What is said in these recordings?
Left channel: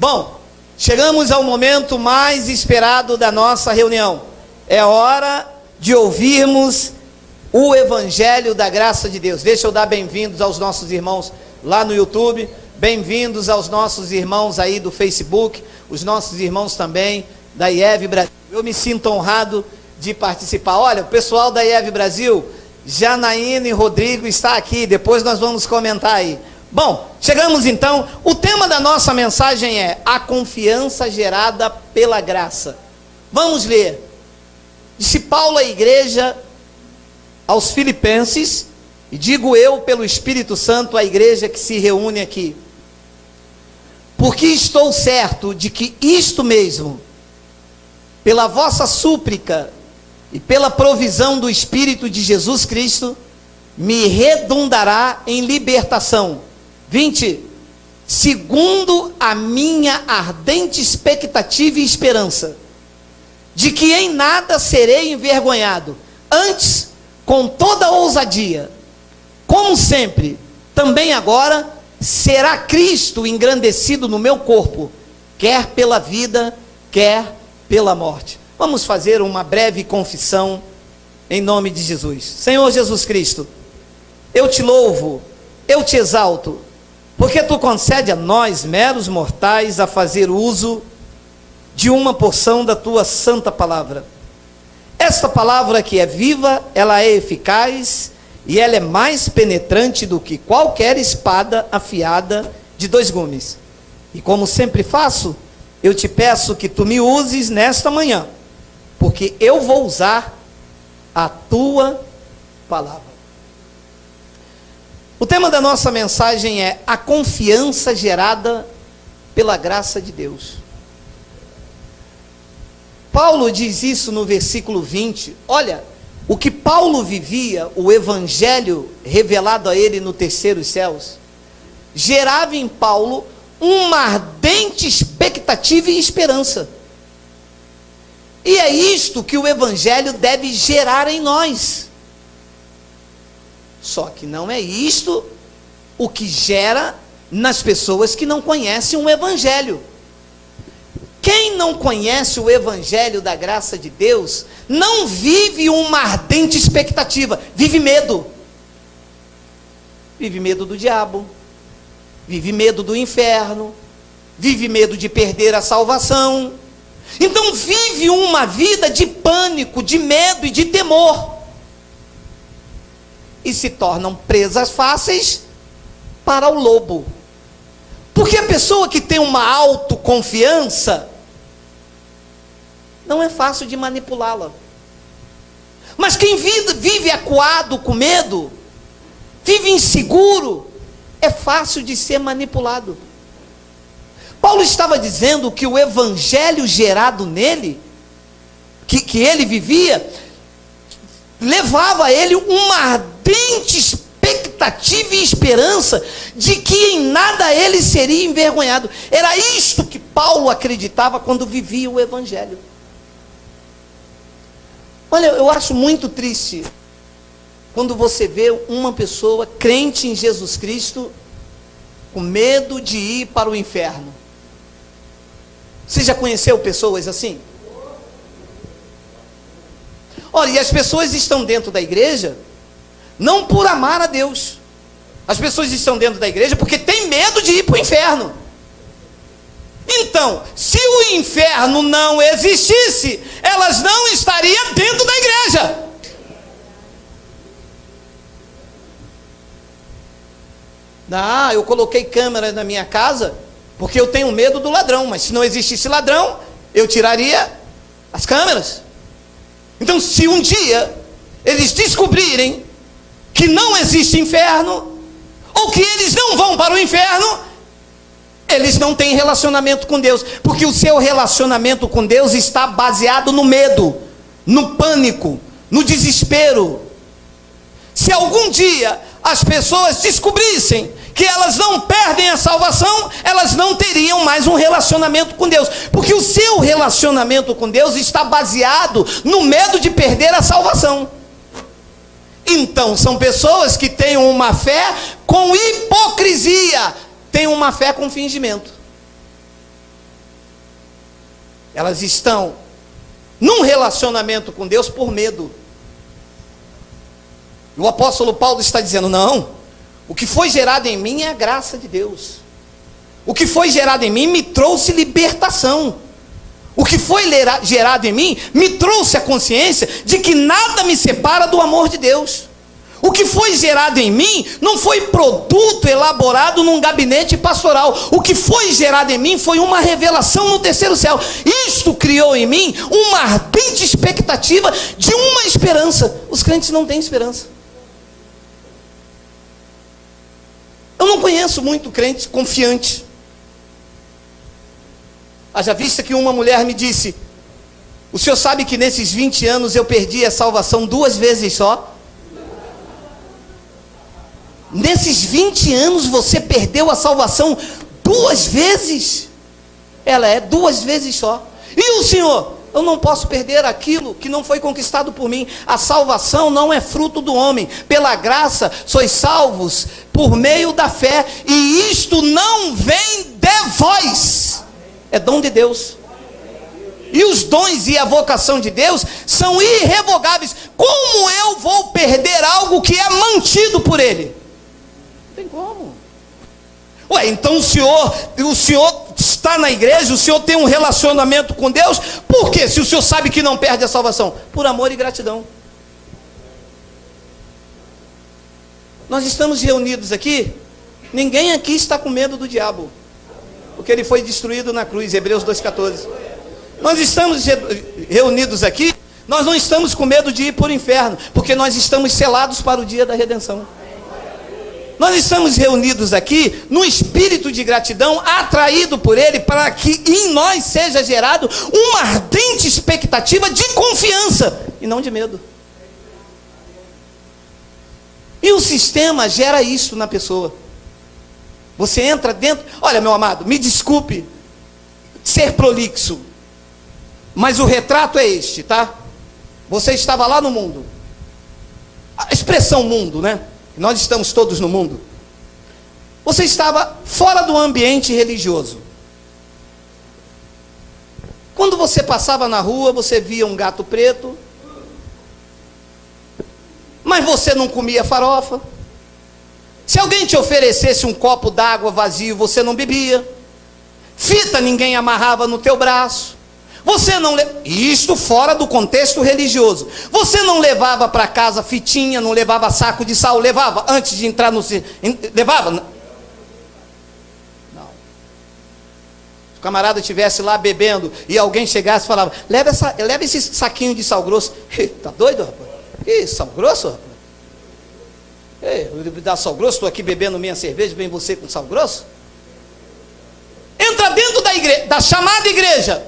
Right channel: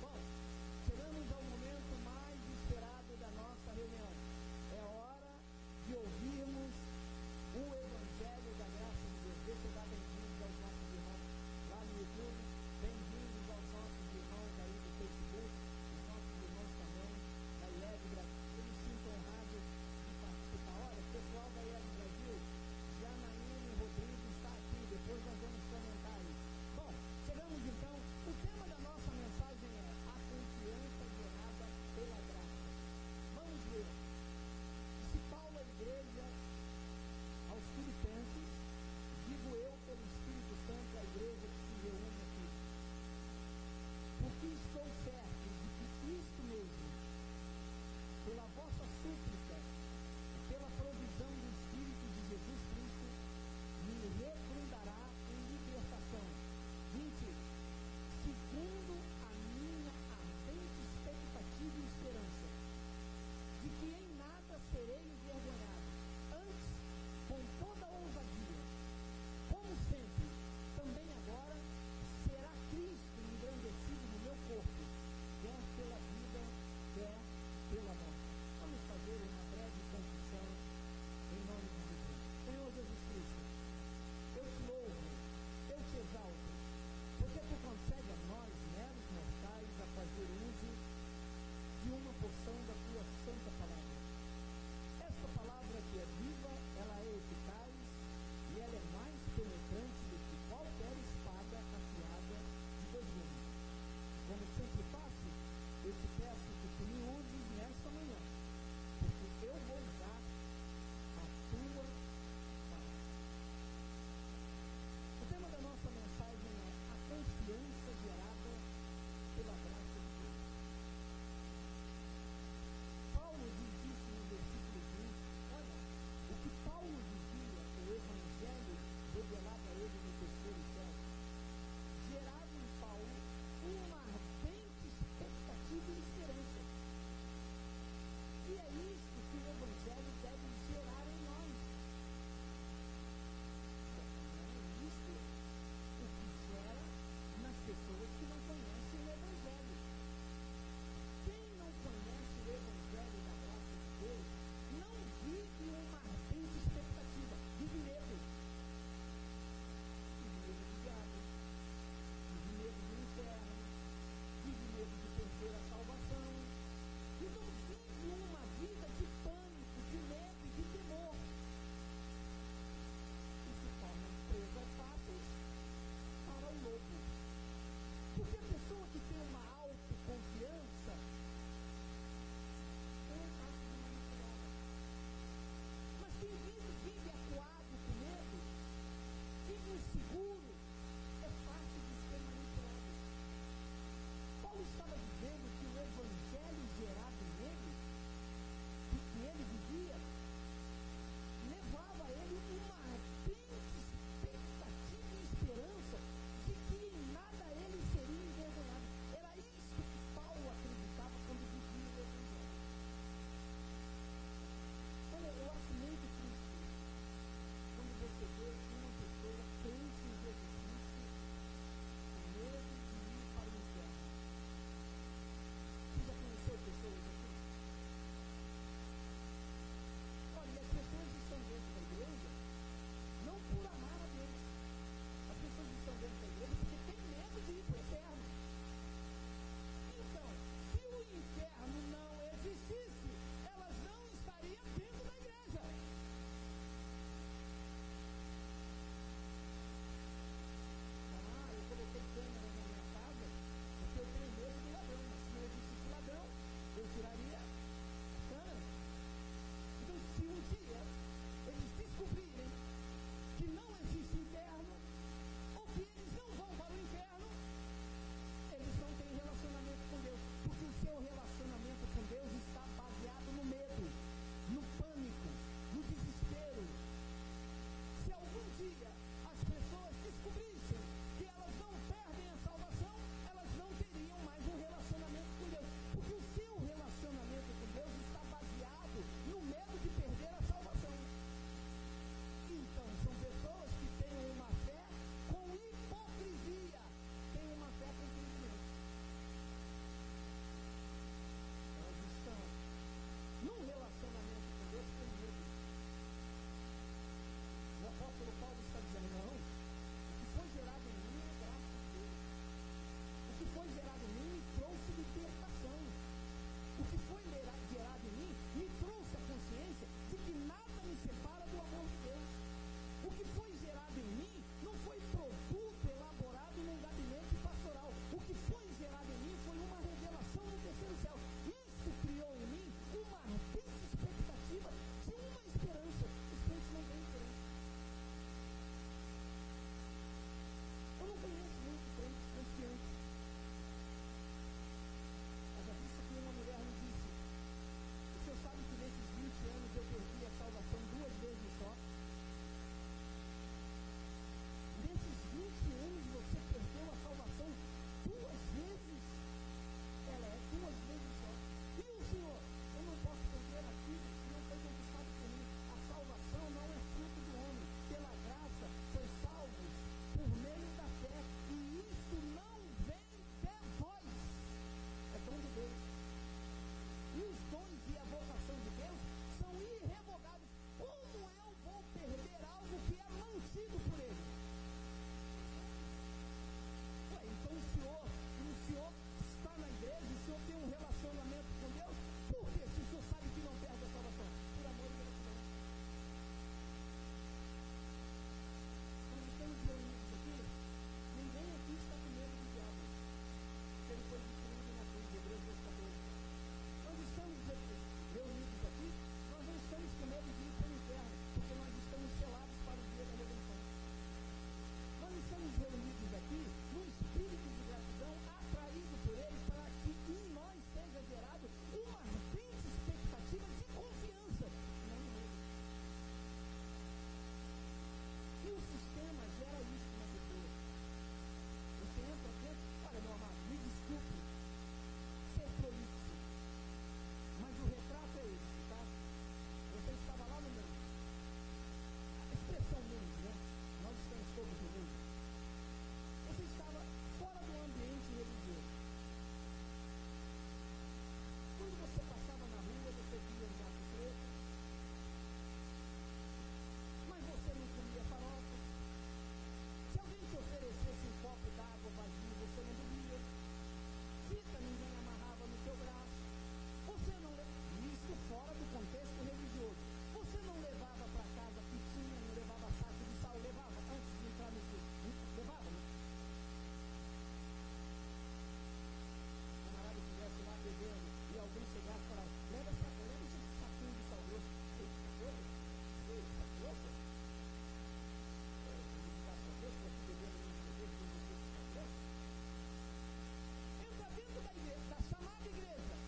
Bom, chegamos ao momento mais esperado da nossa reunião. É hora de ouvirmos o Evangelho da Graça de Deus. Deixa eu dar bem-vindos aos nossos irmãos lá no YouTube, bem-vindos aos nossos irmãos aí do Facebook, os nossos irmãos também da IEV Brasil. Eu me sinto honrado de participar. Olha, o pessoal da IEV Brasil, Janaína e Rodrigo está aqui, depois nós vamos comentar aí. Bom, chegamos então, o tema da nossa mensagem é a confiança gerada pela graça. Vamos ler. Disse Paulo à igreja, aos Filipenses, e digo eu pelo Espírito Santo à igreja que se reúne aqui: porque estou certo de que isto mesmo, pela vossa súplica e pela provisão do Espírito de Jesus Cristo, me redundará em libertação. 20. Segundo a minha ardente expectativa e esperança, de que em nada serei envergonhado, antes, com toda ousadia, como sempre, também agora, será Cristo engrandecido no meu corpo, quer pela vida, quer pela morte. Vamos fazer uma breve confissão em nome de Jesus. Senhor Jesus Cristo, eu te louvo, eu te exalto, porque tu concede a nós, meros mortais, a fazer uso de uma porção da tua santa palavra. Esta palavra que é viva, ela é eficaz e ela é mais penetrante do que qualquer espada afiada de 2 gumes. E como sempre faço, eu te peço que tu me uses nesta manhã, porque eu vou usar a tua palavra. O tema da nossa mensagem é a confiança gerada pela graça de Deus. Paulo diz isso no versículo 20. Olha, o que Paulo vivia, o evangelho revelado a ele no terceiro céus, gerava em Paulo uma ardente expectativa e esperança. E é isto que o evangelho deve gerar em nós. Só que não é isto o que gera nas pessoas que não conhecem o evangelho. Quem não conhece o evangelho da graça de Deus, não vive uma ardente expectativa, vive medo. Vive medo do diabo, vive medo do inferno, vive medo de perder a salvação. Então vive uma vida de pânico, de medo e de temor. E se tornam presas fáceis para o lobo. Porque a pessoa que tem uma autoconfiança, não é fácil de manipulá-la. Mas quem vive acuado com medo, vive inseguro, é fácil de ser manipulado. Paulo estava dizendo que o evangelho gerado nele, que ele vivia, levava a ele uma ardente expectativa e esperança de que em nada ele seria envergonhado. Era isto que Paulo acreditava quando vivia o evangelho. Olha, eu acho muito triste quando você vê uma pessoa crente em Jesus Cristo com medo de ir para o inferno. Você já conheceu pessoas assim? Olha, e as pessoas estão dentro da igreja não por amar a Deus. As pessoas estão dentro da igreja porque têm medo de ir para o inferno. Então, se o inferno não existisse, elas não estariam dentro da igreja. Ah, eu coloquei câmera na minha casa porque eu tenho medo do ladrão, mas se não existisse ladrão, eu tiraria as câmeras. Então, se um dia eles descobrirem que não existe inferno, ou que eles não vão para o inferno, eles não têm relacionamento com Deus, porque o seu relacionamento com Deus está baseado no medo, no pânico, no desespero. Se algum dia as pessoas descobrissem que elas não perdem a salvação, elas não teriam mais um relacionamento com Deus, porque o seu relacionamento com Deus está baseado no medo de perder a salvação. Então são pessoas que têm uma fé com hipocrisia, têm uma fé com fingimento. Elas estão num relacionamento com Deus por medo. O apóstolo Paulo está dizendo: não, o que foi gerado em mim é a graça de Deus. O que foi gerado em mim me trouxe libertação. O que foi gerado em mim me trouxe a consciência de que nada me separa do amor de Deus. O que foi gerado em mim não foi produto elaborado num gabinete pastoral. O que foi gerado em mim foi uma revelação no terceiro céu. Isto criou em mim uma ardente expectativa de uma esperança. Os crentes não têm esperança. Eu não conheço muito crente confiante. Haja vista que uma mulher me disse: o senhor sabe que nesses 20 anos eu perdi a salvação 2 vezes só? Nesses 20 anos você perdeu a salvação 2 vezes? Ela é 2 vezes só. E o senhor? Eu não posso perder aquilo que não foi conquistado por mim. A salvação não é fruto do homem. Pela graça sois salvos por meio da fé. E isto não vem de vós. É dom de Deus. E os dons e a vocação de Deus são irrevogáveis. Como eu vou perder algo que é mantido por Ele? Não tem como. Ué, então o senhor está na igreja, o senhor tem um relacionamento com Deus, por quê? Se o senhor sabe que não perde a salvação? Por amor e gratidão. Nós estamos reunidos aqui, ninguém aqui está com medo do diabo, porque ele foi destruído na cruz, Hebreus 2,14. Nós estamos reunidos aqui, nós não estamos com medo de ir para o inferno, porque nós estamos selados para o dia da redenção. Nós estamos reunidos aqui no espírito de gratidão, atraído por Ele, para que em nós seja gerado uma ardente expectativa de confiança, e não de medo. E o sistema gera isso na pessoa. Você entra dentro... Olha, meu amado, me desculpe ser prolixo, mas o retrato é este, tá? Você estava lá no mundo. A expressão mundo, né? Nós estamos todos no mundo. Você estava fora do ambiente religioso. Quando você passava na rua, você via um gato preto, mas você não comia farofa. Se alguém te oferecesse um copo d'água vazio, você não bebia. Fita ninguém amarrava no teu braço. Você não isto fora do contexto religioso. Você não levava para casa fitinha, não levava saco de sal, levava antes de entrar no... Levava? Não. Se o camarada estivesse lá bebendo e alguém chegasse e falava: leva esse saquinho de sal grosso. Tá doido, rapaz? Que sal grosso, rapaz? Me dá sal grosso, estou aqui bebendo minha cerveja, vem você com sal grosso? Entra dentro da igreja, da chamada igreja.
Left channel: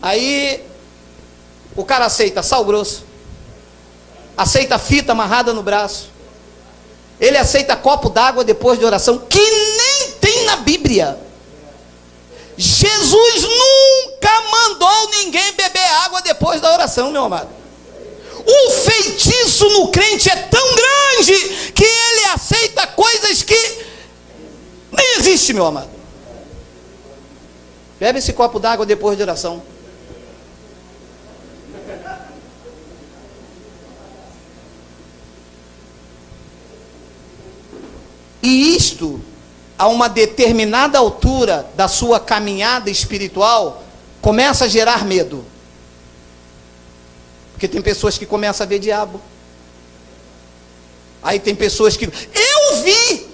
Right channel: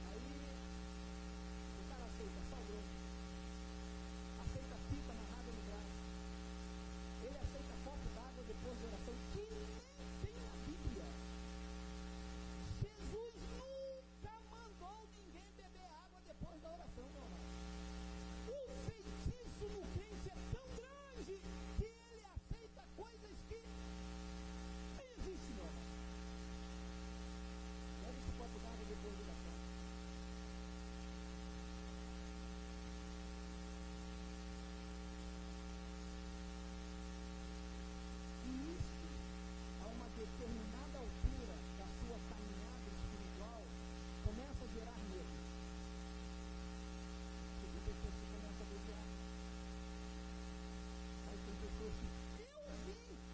Aí o cara aceita sal grosso, aceita fita amarrada no braço, ele aceita copo d'água depois de oração, que nem tem na Bíblia. Jesus nunca mandou ninguém beber água depois da oração, meu amado. O feitiço no crente é tão grande que ele aceita coisas que nem existe, meu amado. Bebe esse copo d'água depois de oração. E isto, a uma determinada altura da sua caminhada espiritual, começa a gerar medo. Porque tem pessoas que começam a ver diabo. Aí tem pessoas que... Eu vi,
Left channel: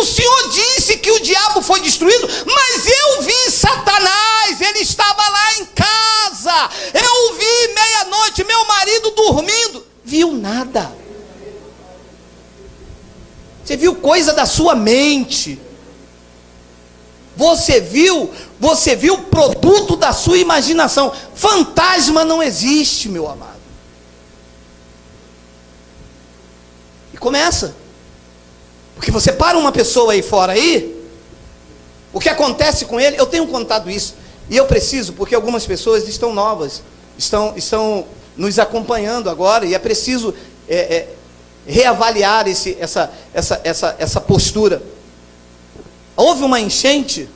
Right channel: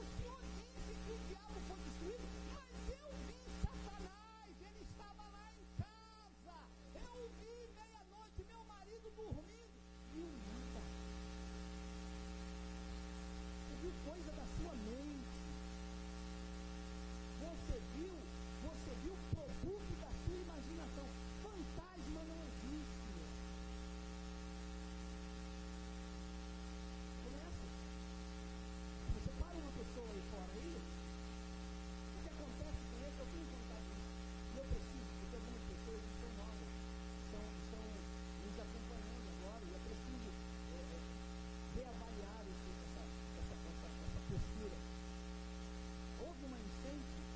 o Senhor disse que o diabo foi destruído, mas eu vi Satanás, ele estava lá em casa. Eu vi meia-noite, meu marido dormindo. Viu nada. Você viu coisa da sua mente. Você viu produto da sua imaginação. Fantasma não existe, meu amado. E começa. Porque você para uma pessoa aí fora aí, o que acontece com ele, eu tenho contado isso, e eu preciso, porque algumas pessoas estão novas, estão nos acompanhando agora, e é preciso reavaliar essa postura. Houve uma enchente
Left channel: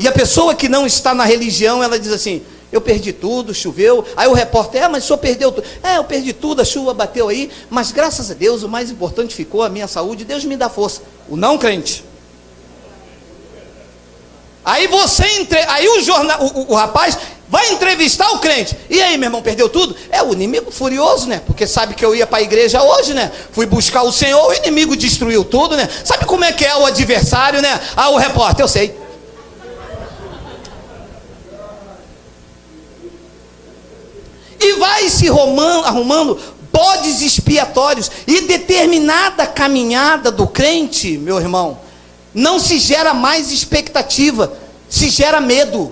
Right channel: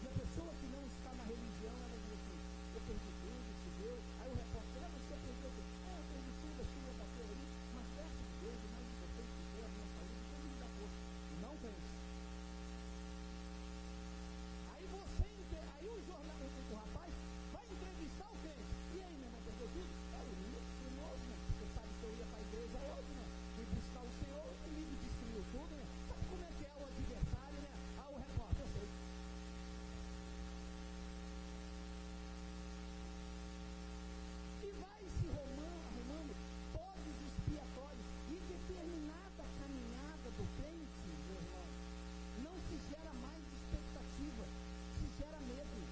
E a pessoa que não está na religião, ela diz assim: eu perdi tudo, choveu. Aí o repórter: mas o senhor perdeu tudo. Eu perdi tudo, a chuva bateu aí, mas graças a Deus, o mais importante ficou a minha saúde, Deus me dá força. O não crente. Aí o rapaz vai entrevistar o crente. E aí, meu irmão, perdeu tudo? É o inimigo furioso, né? Porque sabe que eu ia para a igreja hoje, né? Fui buscar o Senhor, o inimigo destruiu tudo, né? Sabe como é que é o adversário, né? O repórter: eu sei. E vai se arrumando bodes expiatórios. E determinada caminhada do crente, meu irmão, não se gera mais expectativa, se gera medo.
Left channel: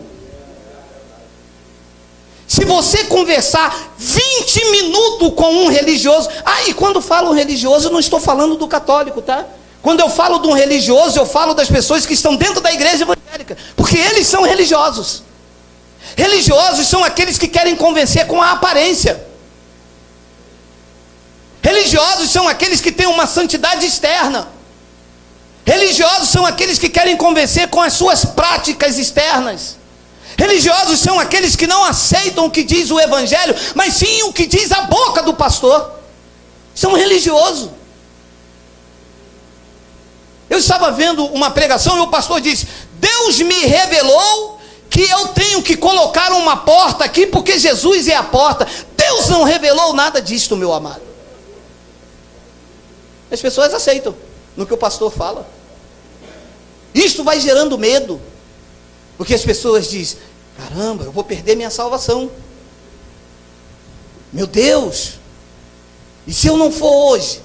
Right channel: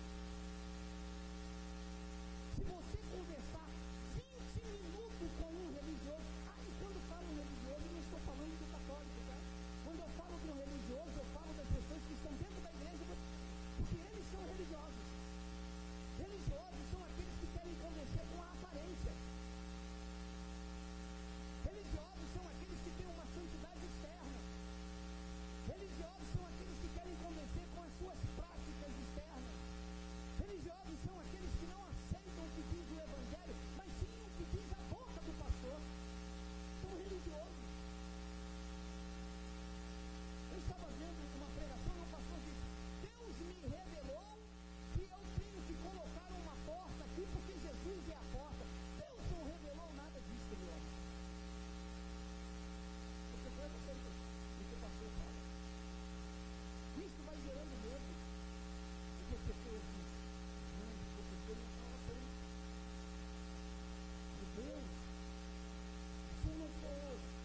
Se você conversar 20 minutos com um religioso, e quando falo religioso, eu não estou falando do católico, tá? Quando eu falo de um religioso, eu falo das pessoas que estão dentro da igreja evangélica, porque eles são religiosos. Religiosos são aqueles que querem convencer com a aparência. Religiosos são aqueles que têm uma santidade externa. Religiosos são aqueles que querem convencer com as suas práticas externas. Religiosos são aqueles que não aceitam o que diz o evangelho, mas sim o que diz a boca do pastor. São religiosos. Eu estava vendo uma pregação e o pastor disse: Deus me revelou que eu tenho que colocar uma porta aqui, porque Jesus é a porta. Deus não revelou nada disto, meu amado. As pessoas aceitam no que o pastor fala. Isto vai gerando medo, porque as pessoas dizem: caramba, eu vou perder minha salvação. Meu Deus, e se eu não for hoje?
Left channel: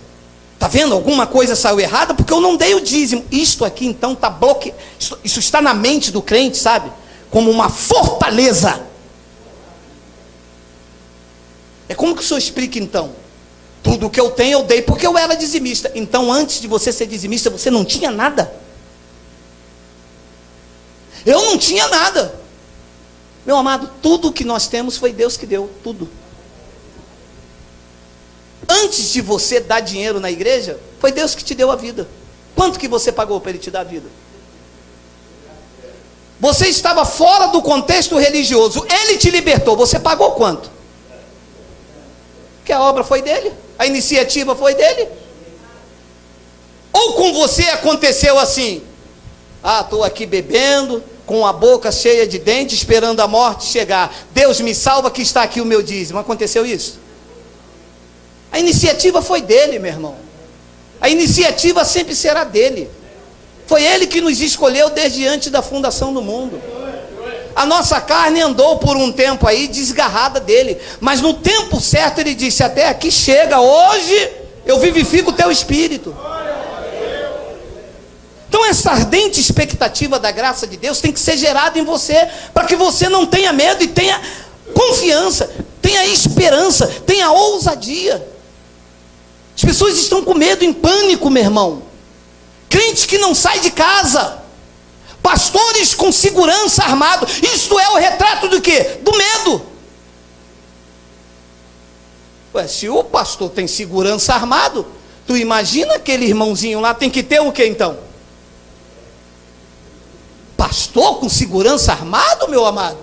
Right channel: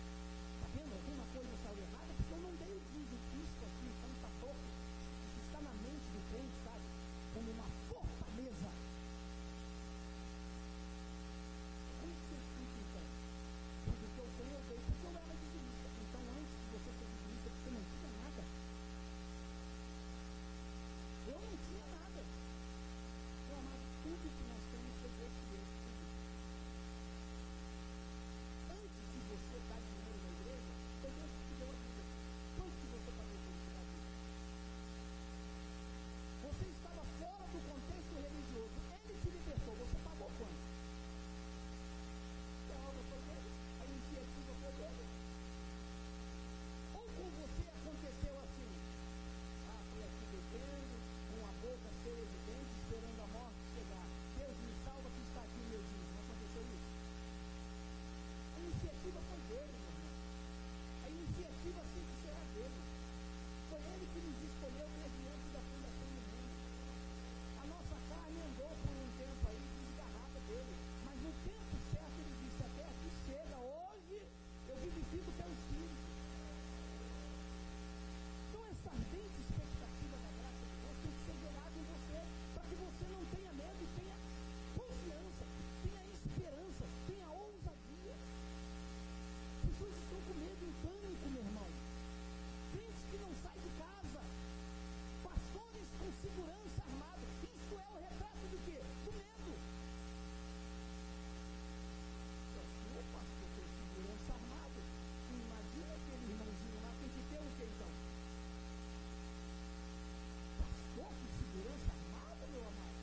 Está vendo? Alguma coisa saiu errada porque eu não dei o dízimo. Isto aqui então está bloqueado. Isso está na mente do crente, sabe? Como uma fortaleza. É como que o senhor explica então? Tudo que eu tenho eu dei porque eu era dizimista. Então antes de você ser dizimista, você não tinha nada? Eu não tinha nada. Meu amado, tudo que nós temos foi Deus que deu, tudo. Antes de você dar dinheiro na igreja, foi Deus que te deu a vida. Quanto que você pagou para Ele te dar a vida? Você estava fora do contexto religioso, Ele te libertou, você pagou quanto? Que a obra foi dele, a iniciativa foi dele. Ou com você aconteceu assim: estou aqui bebendo, com a boca cheia de dentes, esperando a morte chegar. Deus me salva que está aqui o meu dízimo. Aconteceu isso? A iniciativa foi dele, meu irmão. A iniciativa sempre será dele. Foi Ele que nos escolheu desde antes da fundação do mundo. A nossa carne andou por um tempo aí desgarrada dele, mas no tempo certo Ele disse: até aqui chega, hoje eu vivifico o teu espírito. Então essa ardente expectativa da graça de Deus tem que ser gerada em você, para que você não tenha medo e tenha confiança, tenha esperança, tenha ousadia. As pessoas estão com medo, em pânico, meu irmão. Crentes que não saem de casa, pastores com segurança armado. Isto é o retrato do quê? Do medo. Se o pastor tem segurança armado, tu imagina aquele irmãozinho lá, tem que ter o que então? Pastor com segurança armado, meu amado?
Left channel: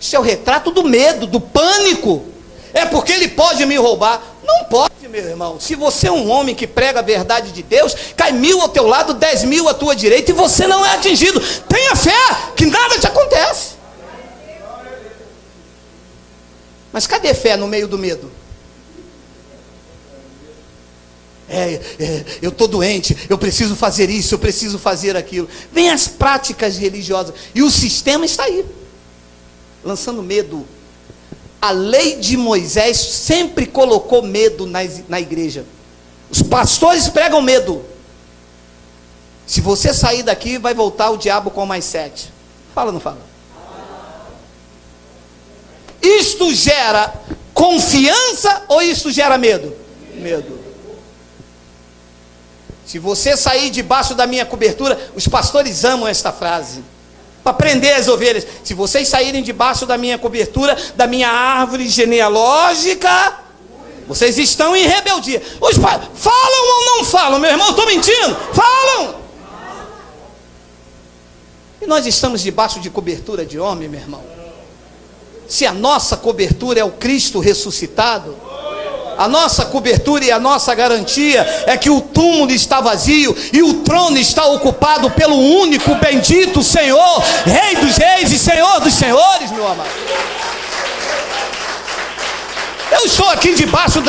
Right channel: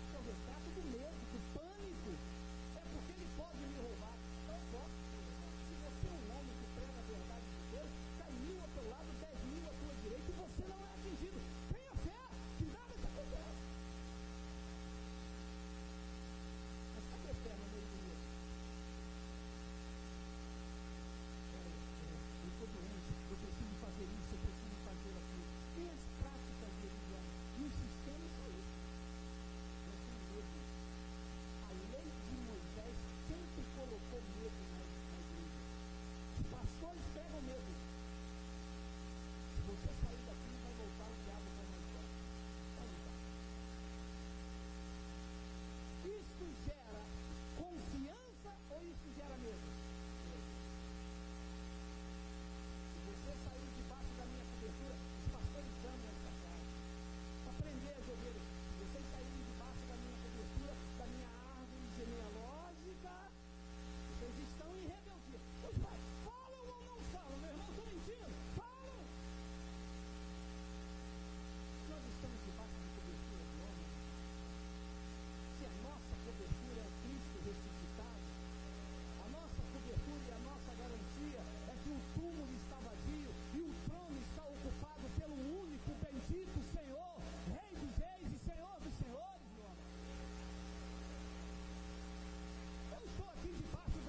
Isso é o retrato do medo, do pânico. É porque ele pode me roubar. Não pode, meu irmão. Se você é um homem que prega a verdade de Deus, cai 1000 ao teu lado, 10.000 à tua direita, e você não é atingido. Tenha fé que nada te acontece. Mas cadê fé no meio do medo? Eu estou doente, eu preciso fazer isso, eu preciso fazer aquilo. Vem as práticas religiosas, e o sistema está aí, lançando medo. A lei de Moisés sempre colocou medo na igreja. Os pastores pregam medo. Se você sair daqui, vai voltar o diabo com mais 7. Fala ou não fala? Isto gera confiança ou isto gera medo? Medo. Se você sair debaixo da minha cobertura, os pastores amam esta frase, para prender as ovelhas. Se vocês saírem debaixo da minha cobertura, da minha árvore genealógica, vocês estão em rebeldia. Os pais falam ou não falam, meu irmão? Estou mentindo? Falam. E nós estamos debaixo de cobertura de homem, meu irmão. Se a nossa cobertura é o Cristo ressuscitado, a nossa cobertura e a nossa garantia é que o túmulo está vazio e o trono está ocupado pelo único bendito Senhor, Rei dos reis e Senhor dos senhores, meu amado. Eu estou aqui debaixo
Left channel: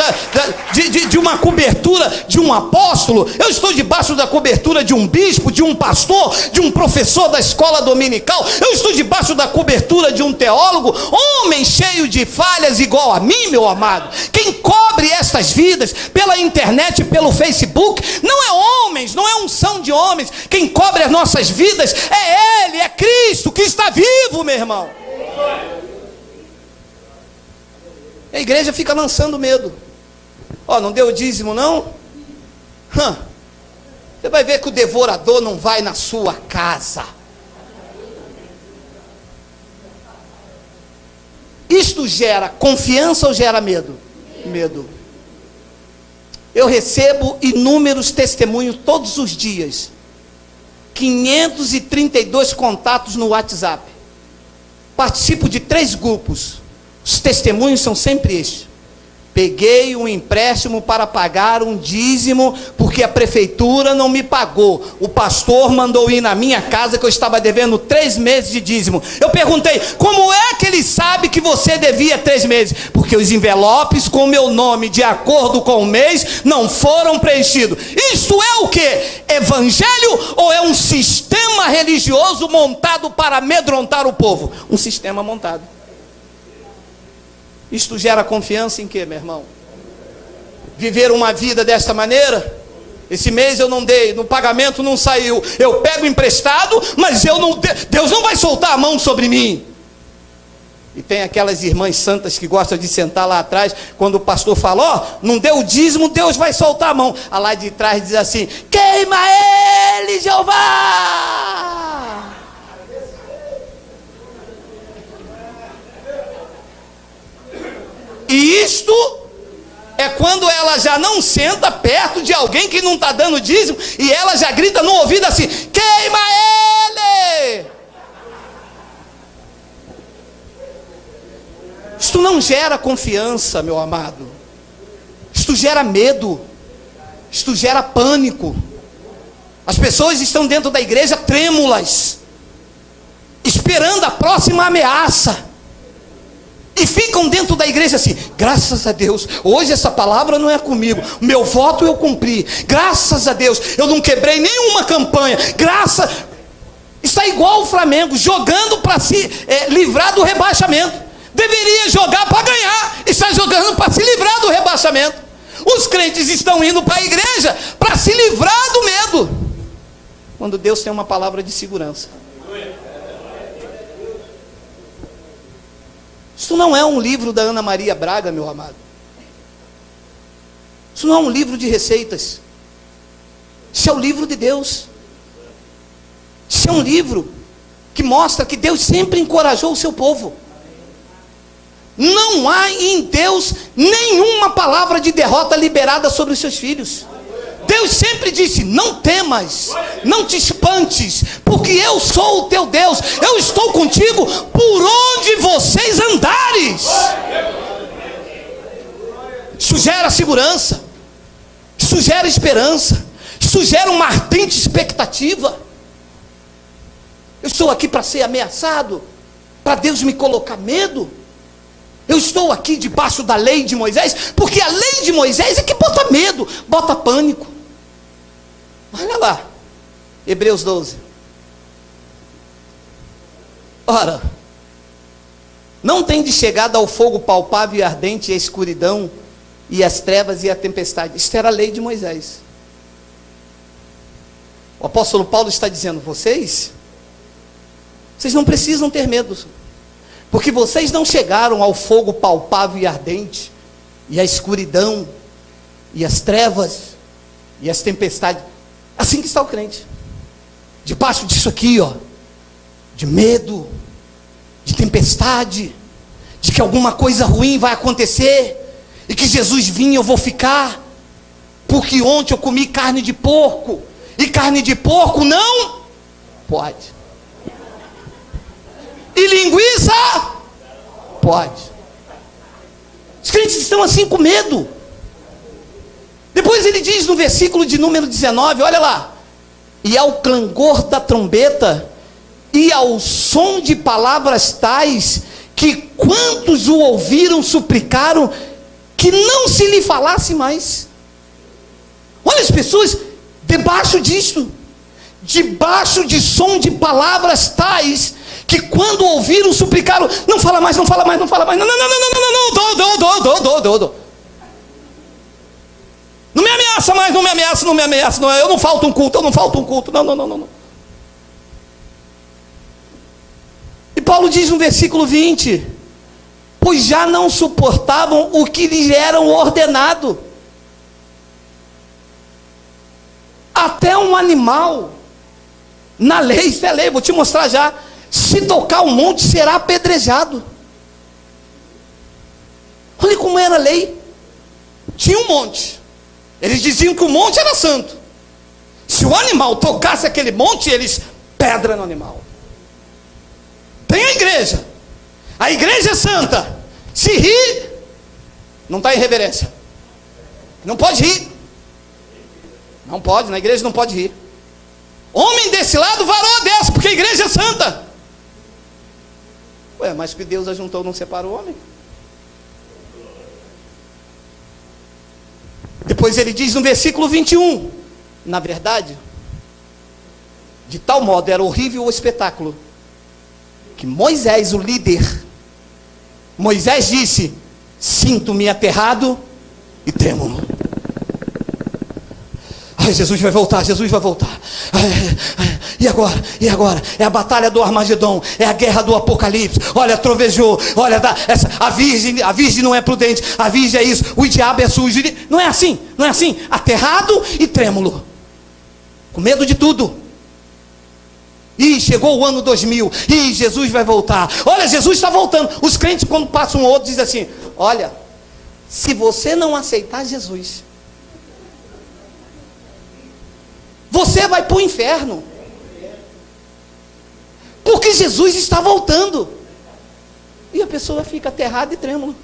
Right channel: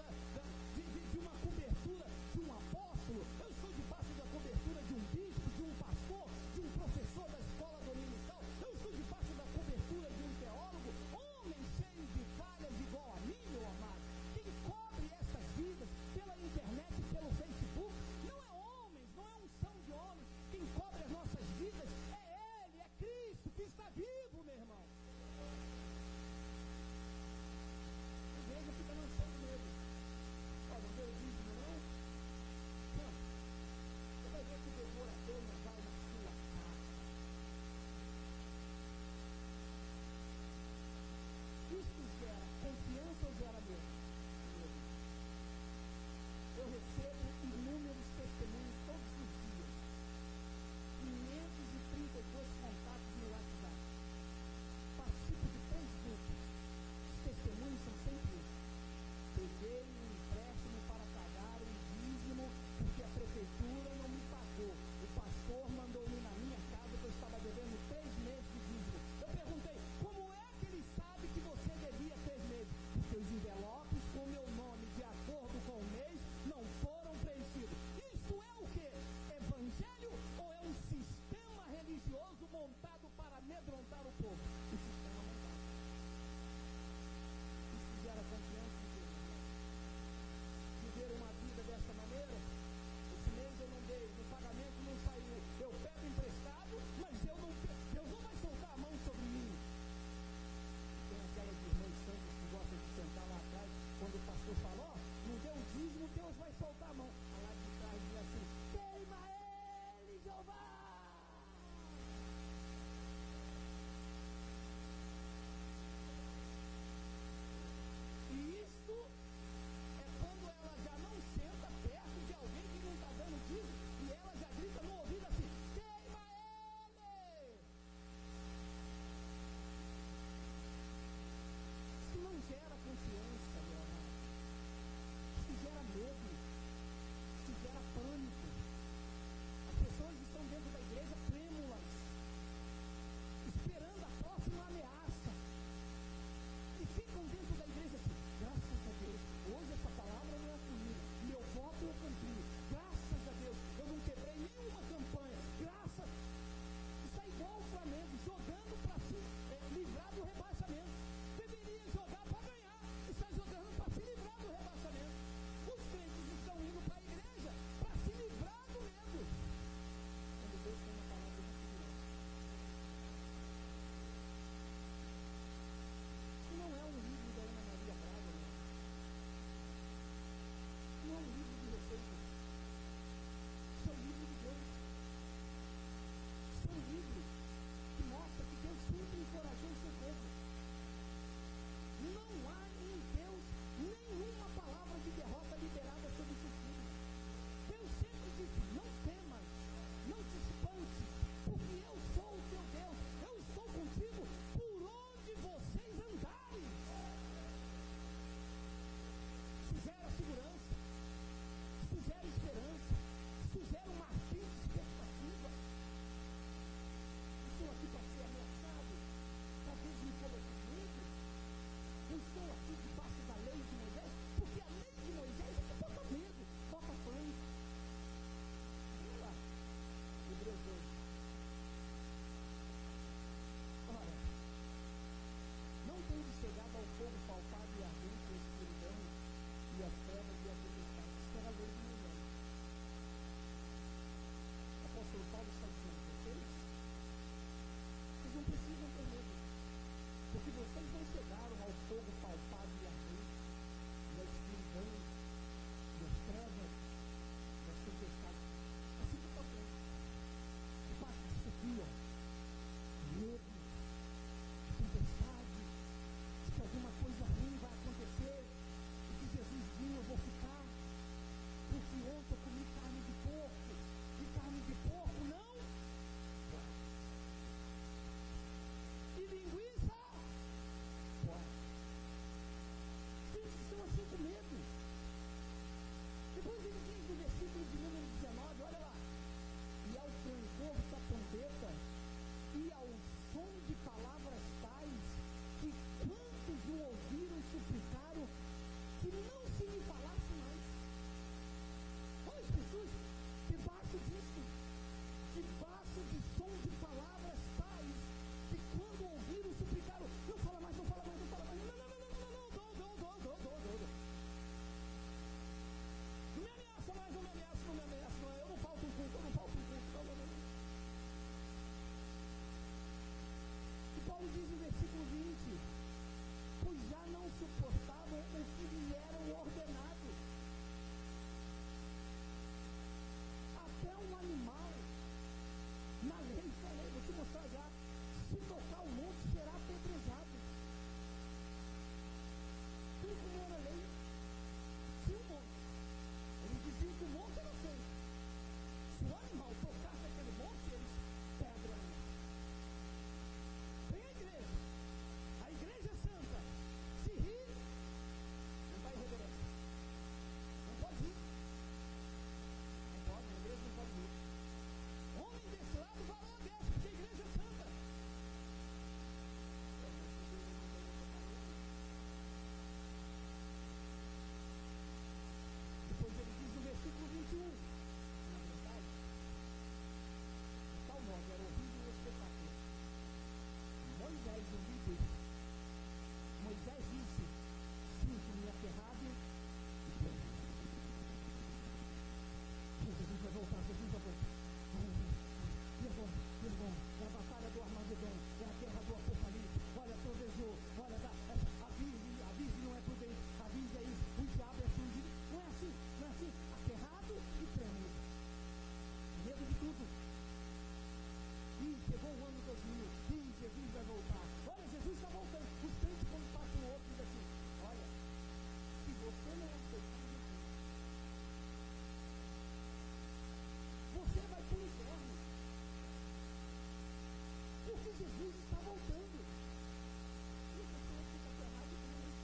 de uma cobertura de um apóstolo. Eu estou debaixo da cobertura de um bispo, de um pastor, de um professor da escola dominical. Eu estou debaixo da cobertura de um teólogo, homem cheio de falhas igual a mim, meu amado. Quem cobre estas vidas pela internet, pelo Facebook, não é homens, não é unção de homens. Quem cobre as nossas vidas é Ele, é Cristo que está vivo, meu irmão. A igreja fica lançando medo. Ó, não deu o dízimo não? Você vai ver que o devorador não vai na sua casa. Isto gera confiança ou gera medo? Medo. Eu recebo inúmeros testemunhos todos os dias. 532 contatos no WhatsApp. Participo de 3 grupos. Os testemunhos são sempre estes. Peguei um empréstimo para pagar um dízimo, porque a prefeitura não me pagou. O pastor mandou ir na minha casa que eu estava devendo 3 meses de dízimo. Eu perguntei, como é que ele sabe que você devia 3 meses? Porque os envelopes com meu nome, de acordo com o mês, não foram preenchidos. Isto é o que? Evangelho ou é um sistema religioso montado para amedrontar o povo? Um sistema montado. Isto gera confiança em quê, meu irmão? Viver uma vida desta maneira? Esse mês eu não dei, no pagamento não saiu, eu pego emprestado, mas Deus não vai soltar a mão sobre mim. E tem aquelas irmãs santas que gostam de sentar lá atrás, quando o pastor fala, ó, não deu o dízimo, Deus vai soltar a mão. A lá de trás diz assim, queima ele, Jeová! E isto é quando ela já não senta perto de alguém que não está dando dízimo, e ela já grita no ouvido assim, queima ele! Isto não gera confiança, meu amado. Isto gera medo. Isto gera pânico. As pessoas estão dentro da igreja trêmulas, esperando a próxima ameaça. E ficam dentro da igreja assim, graças a Deus, hoje essa palavra não é comigo, meu voto eu cumpri, graças a Deus, eu não quebrei nenhuma campanha, está igual o Flamengo, jogando para se livrar do rebaixamento. Deveria jogar para ganhar, está jogando para se livrar do rebaixamento. Os crentes estão indo para a igreja para se livrar do medo, quando Deus tem uma palavra de segurança. Isso não é um livro da Ana Maria Braga, meu amado. Isso não é um livro de receitas. Isso é o livro de Deus. Isso é um livro que mostra que Deus sempre encorajou o seu povo. Não há em Deus nenhuma palavra de derrota liberada sobre os seus filhos. Deus sempre disse, não temas, não te espantes, porque eu sou o teu Deus, eu estou contigo por onde vocês andares. Isso gera segurança, isso gera esperança, isso gera uma ardente expectativa. Eu estou aqui para ser ameaçado, para Deus me colocar medo. Eu estou aqui debaixo da lei de Moisés, porque a lei de Moisés é que bota medo, bota pânico. Olha lá, Hebreus 12. Ora, não tem de chegada ao fogo palpável e ardente, e a escuridão, e as trevas e a tempestade. Isto era a lei de Moisés. O apóstolo Paulo está dizendo, vocês não precisam ter medo, porque vocês não chegaram ao fogo palpável e ardente, e a escuridão, e as trevas, e as tempestades. Assim que está o crente, debaixo disso aqui, ó, de medo, de tempestade, de que alguma coisa ruim vai acontecer, e que Jesus vinha, eu vou ficar, porque ontem eu comi carne de porco, e carne de porco não pode. e linguiça? Pode. Os crentes estão assim com medo. Depois ele diz no versículo de número 19, olha lá. E ao clangor da trombeta, e ao som de palavras tais, que quantos o ouviram suplicaram, que não se lhe falasse mais. Olha as pessoas debaixo disto, debaixo de som de palavras tais, que quando ouviram suplicaram, não fala mais, não fala mais, não fala mais, não, não me ameaça mais, não me ameaça, não me ameaça, não, eu não falto um culto, não. E Paulo diz no versículo 20, pois já não suportavam o que lhes eram ordenado. Até um animal, na lei, isso é lei, vou te mostrar já, se tocar um monte será apedrejado. Olha como era a lei. Tinha um monte, eles diziam que o monte era santo. Se o animal tocasse aquele monte, eles pedra no animal. Tem a igreja é santa. Se rir, não está em reverência, não pode rir, não pode, na igreja não pode rir. Homem desse lado, varão dessa, porque a igreja é santa. Ué, mas que Deus ajuntou, não separou o homem? Depois ele diz no versículo 21, na verdade, de tal modo era horrível o espetáculo, que Moisés, o líder, Moisés disse, sinto-me aterrado e trêmulo. Ai, Jesus vai voltar. E agora? É a batalha do Armagedon, é a guerra do Apocalipse. Olha, trovejou, olha, a virgem não é prudente, a virgem é isso, o diabo é sujo. Não é assim, aterrado e trêmulo, com medo de tudo. E chegou o ano 2000, e Jesus vai voltar. Olha, Jesus está voltando. Os crentes, quando passam um outro, dizem assim: olha, se você não aceitar Jesus, você vai para o inferno, porque Jesus está voltando. E a pessoa fica aterrada e trêmula.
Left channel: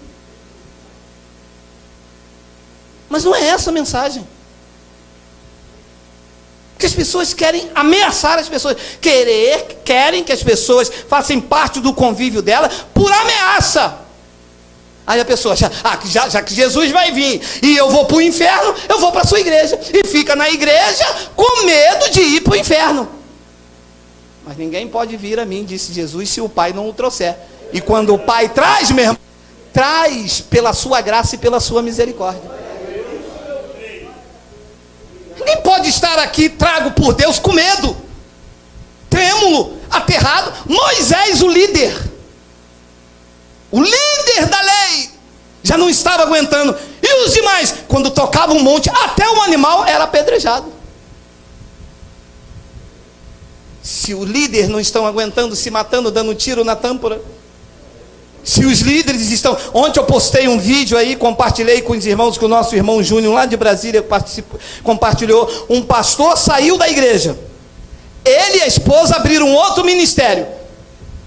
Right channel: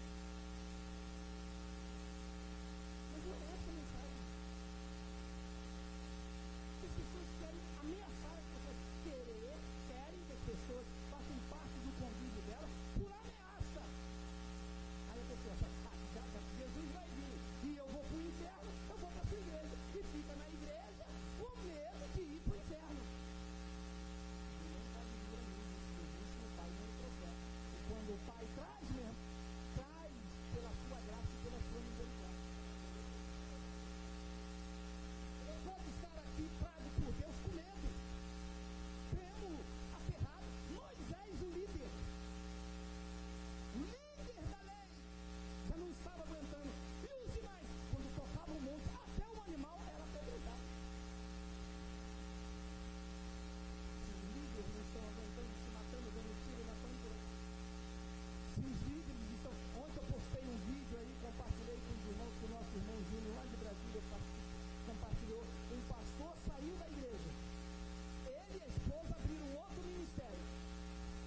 Mas não é essa a mensagem. Porque as pessoas querem ameaçar as pessoas, querem que as pessoas façam parte do convívio dela por ameaça. Aí a pessoa, já que Jesus vai vir e eu vou para o inferno, eu vou para a sua igreja. E fica na igreja com medo de ir para o inferno. Mas ninguém pode vir a mim, disse Jesus, se o Pai não o trouxer. E quando o Pai traz, meu irmão, traz pela sua graça e pela sua misericórdia. Ninguém pode estar aqui trago por Deus com medo, trêmulo, aterrado. Moisés, o líder da lei, já não estava aguentando. E os demais, quando tocava um monte, até o animal era apedrejado. Se o líder não estão aguentando, se matando, dando tiro na tâmpora, se os líderes estão... Ontem eu postei um vídeo aí, compartilhei com os irmãos, que o nosso irmão Júnior lá de Brasília compartilhou. Um pastor saiu da igreja, ele e a esposa abriram um outro ministério.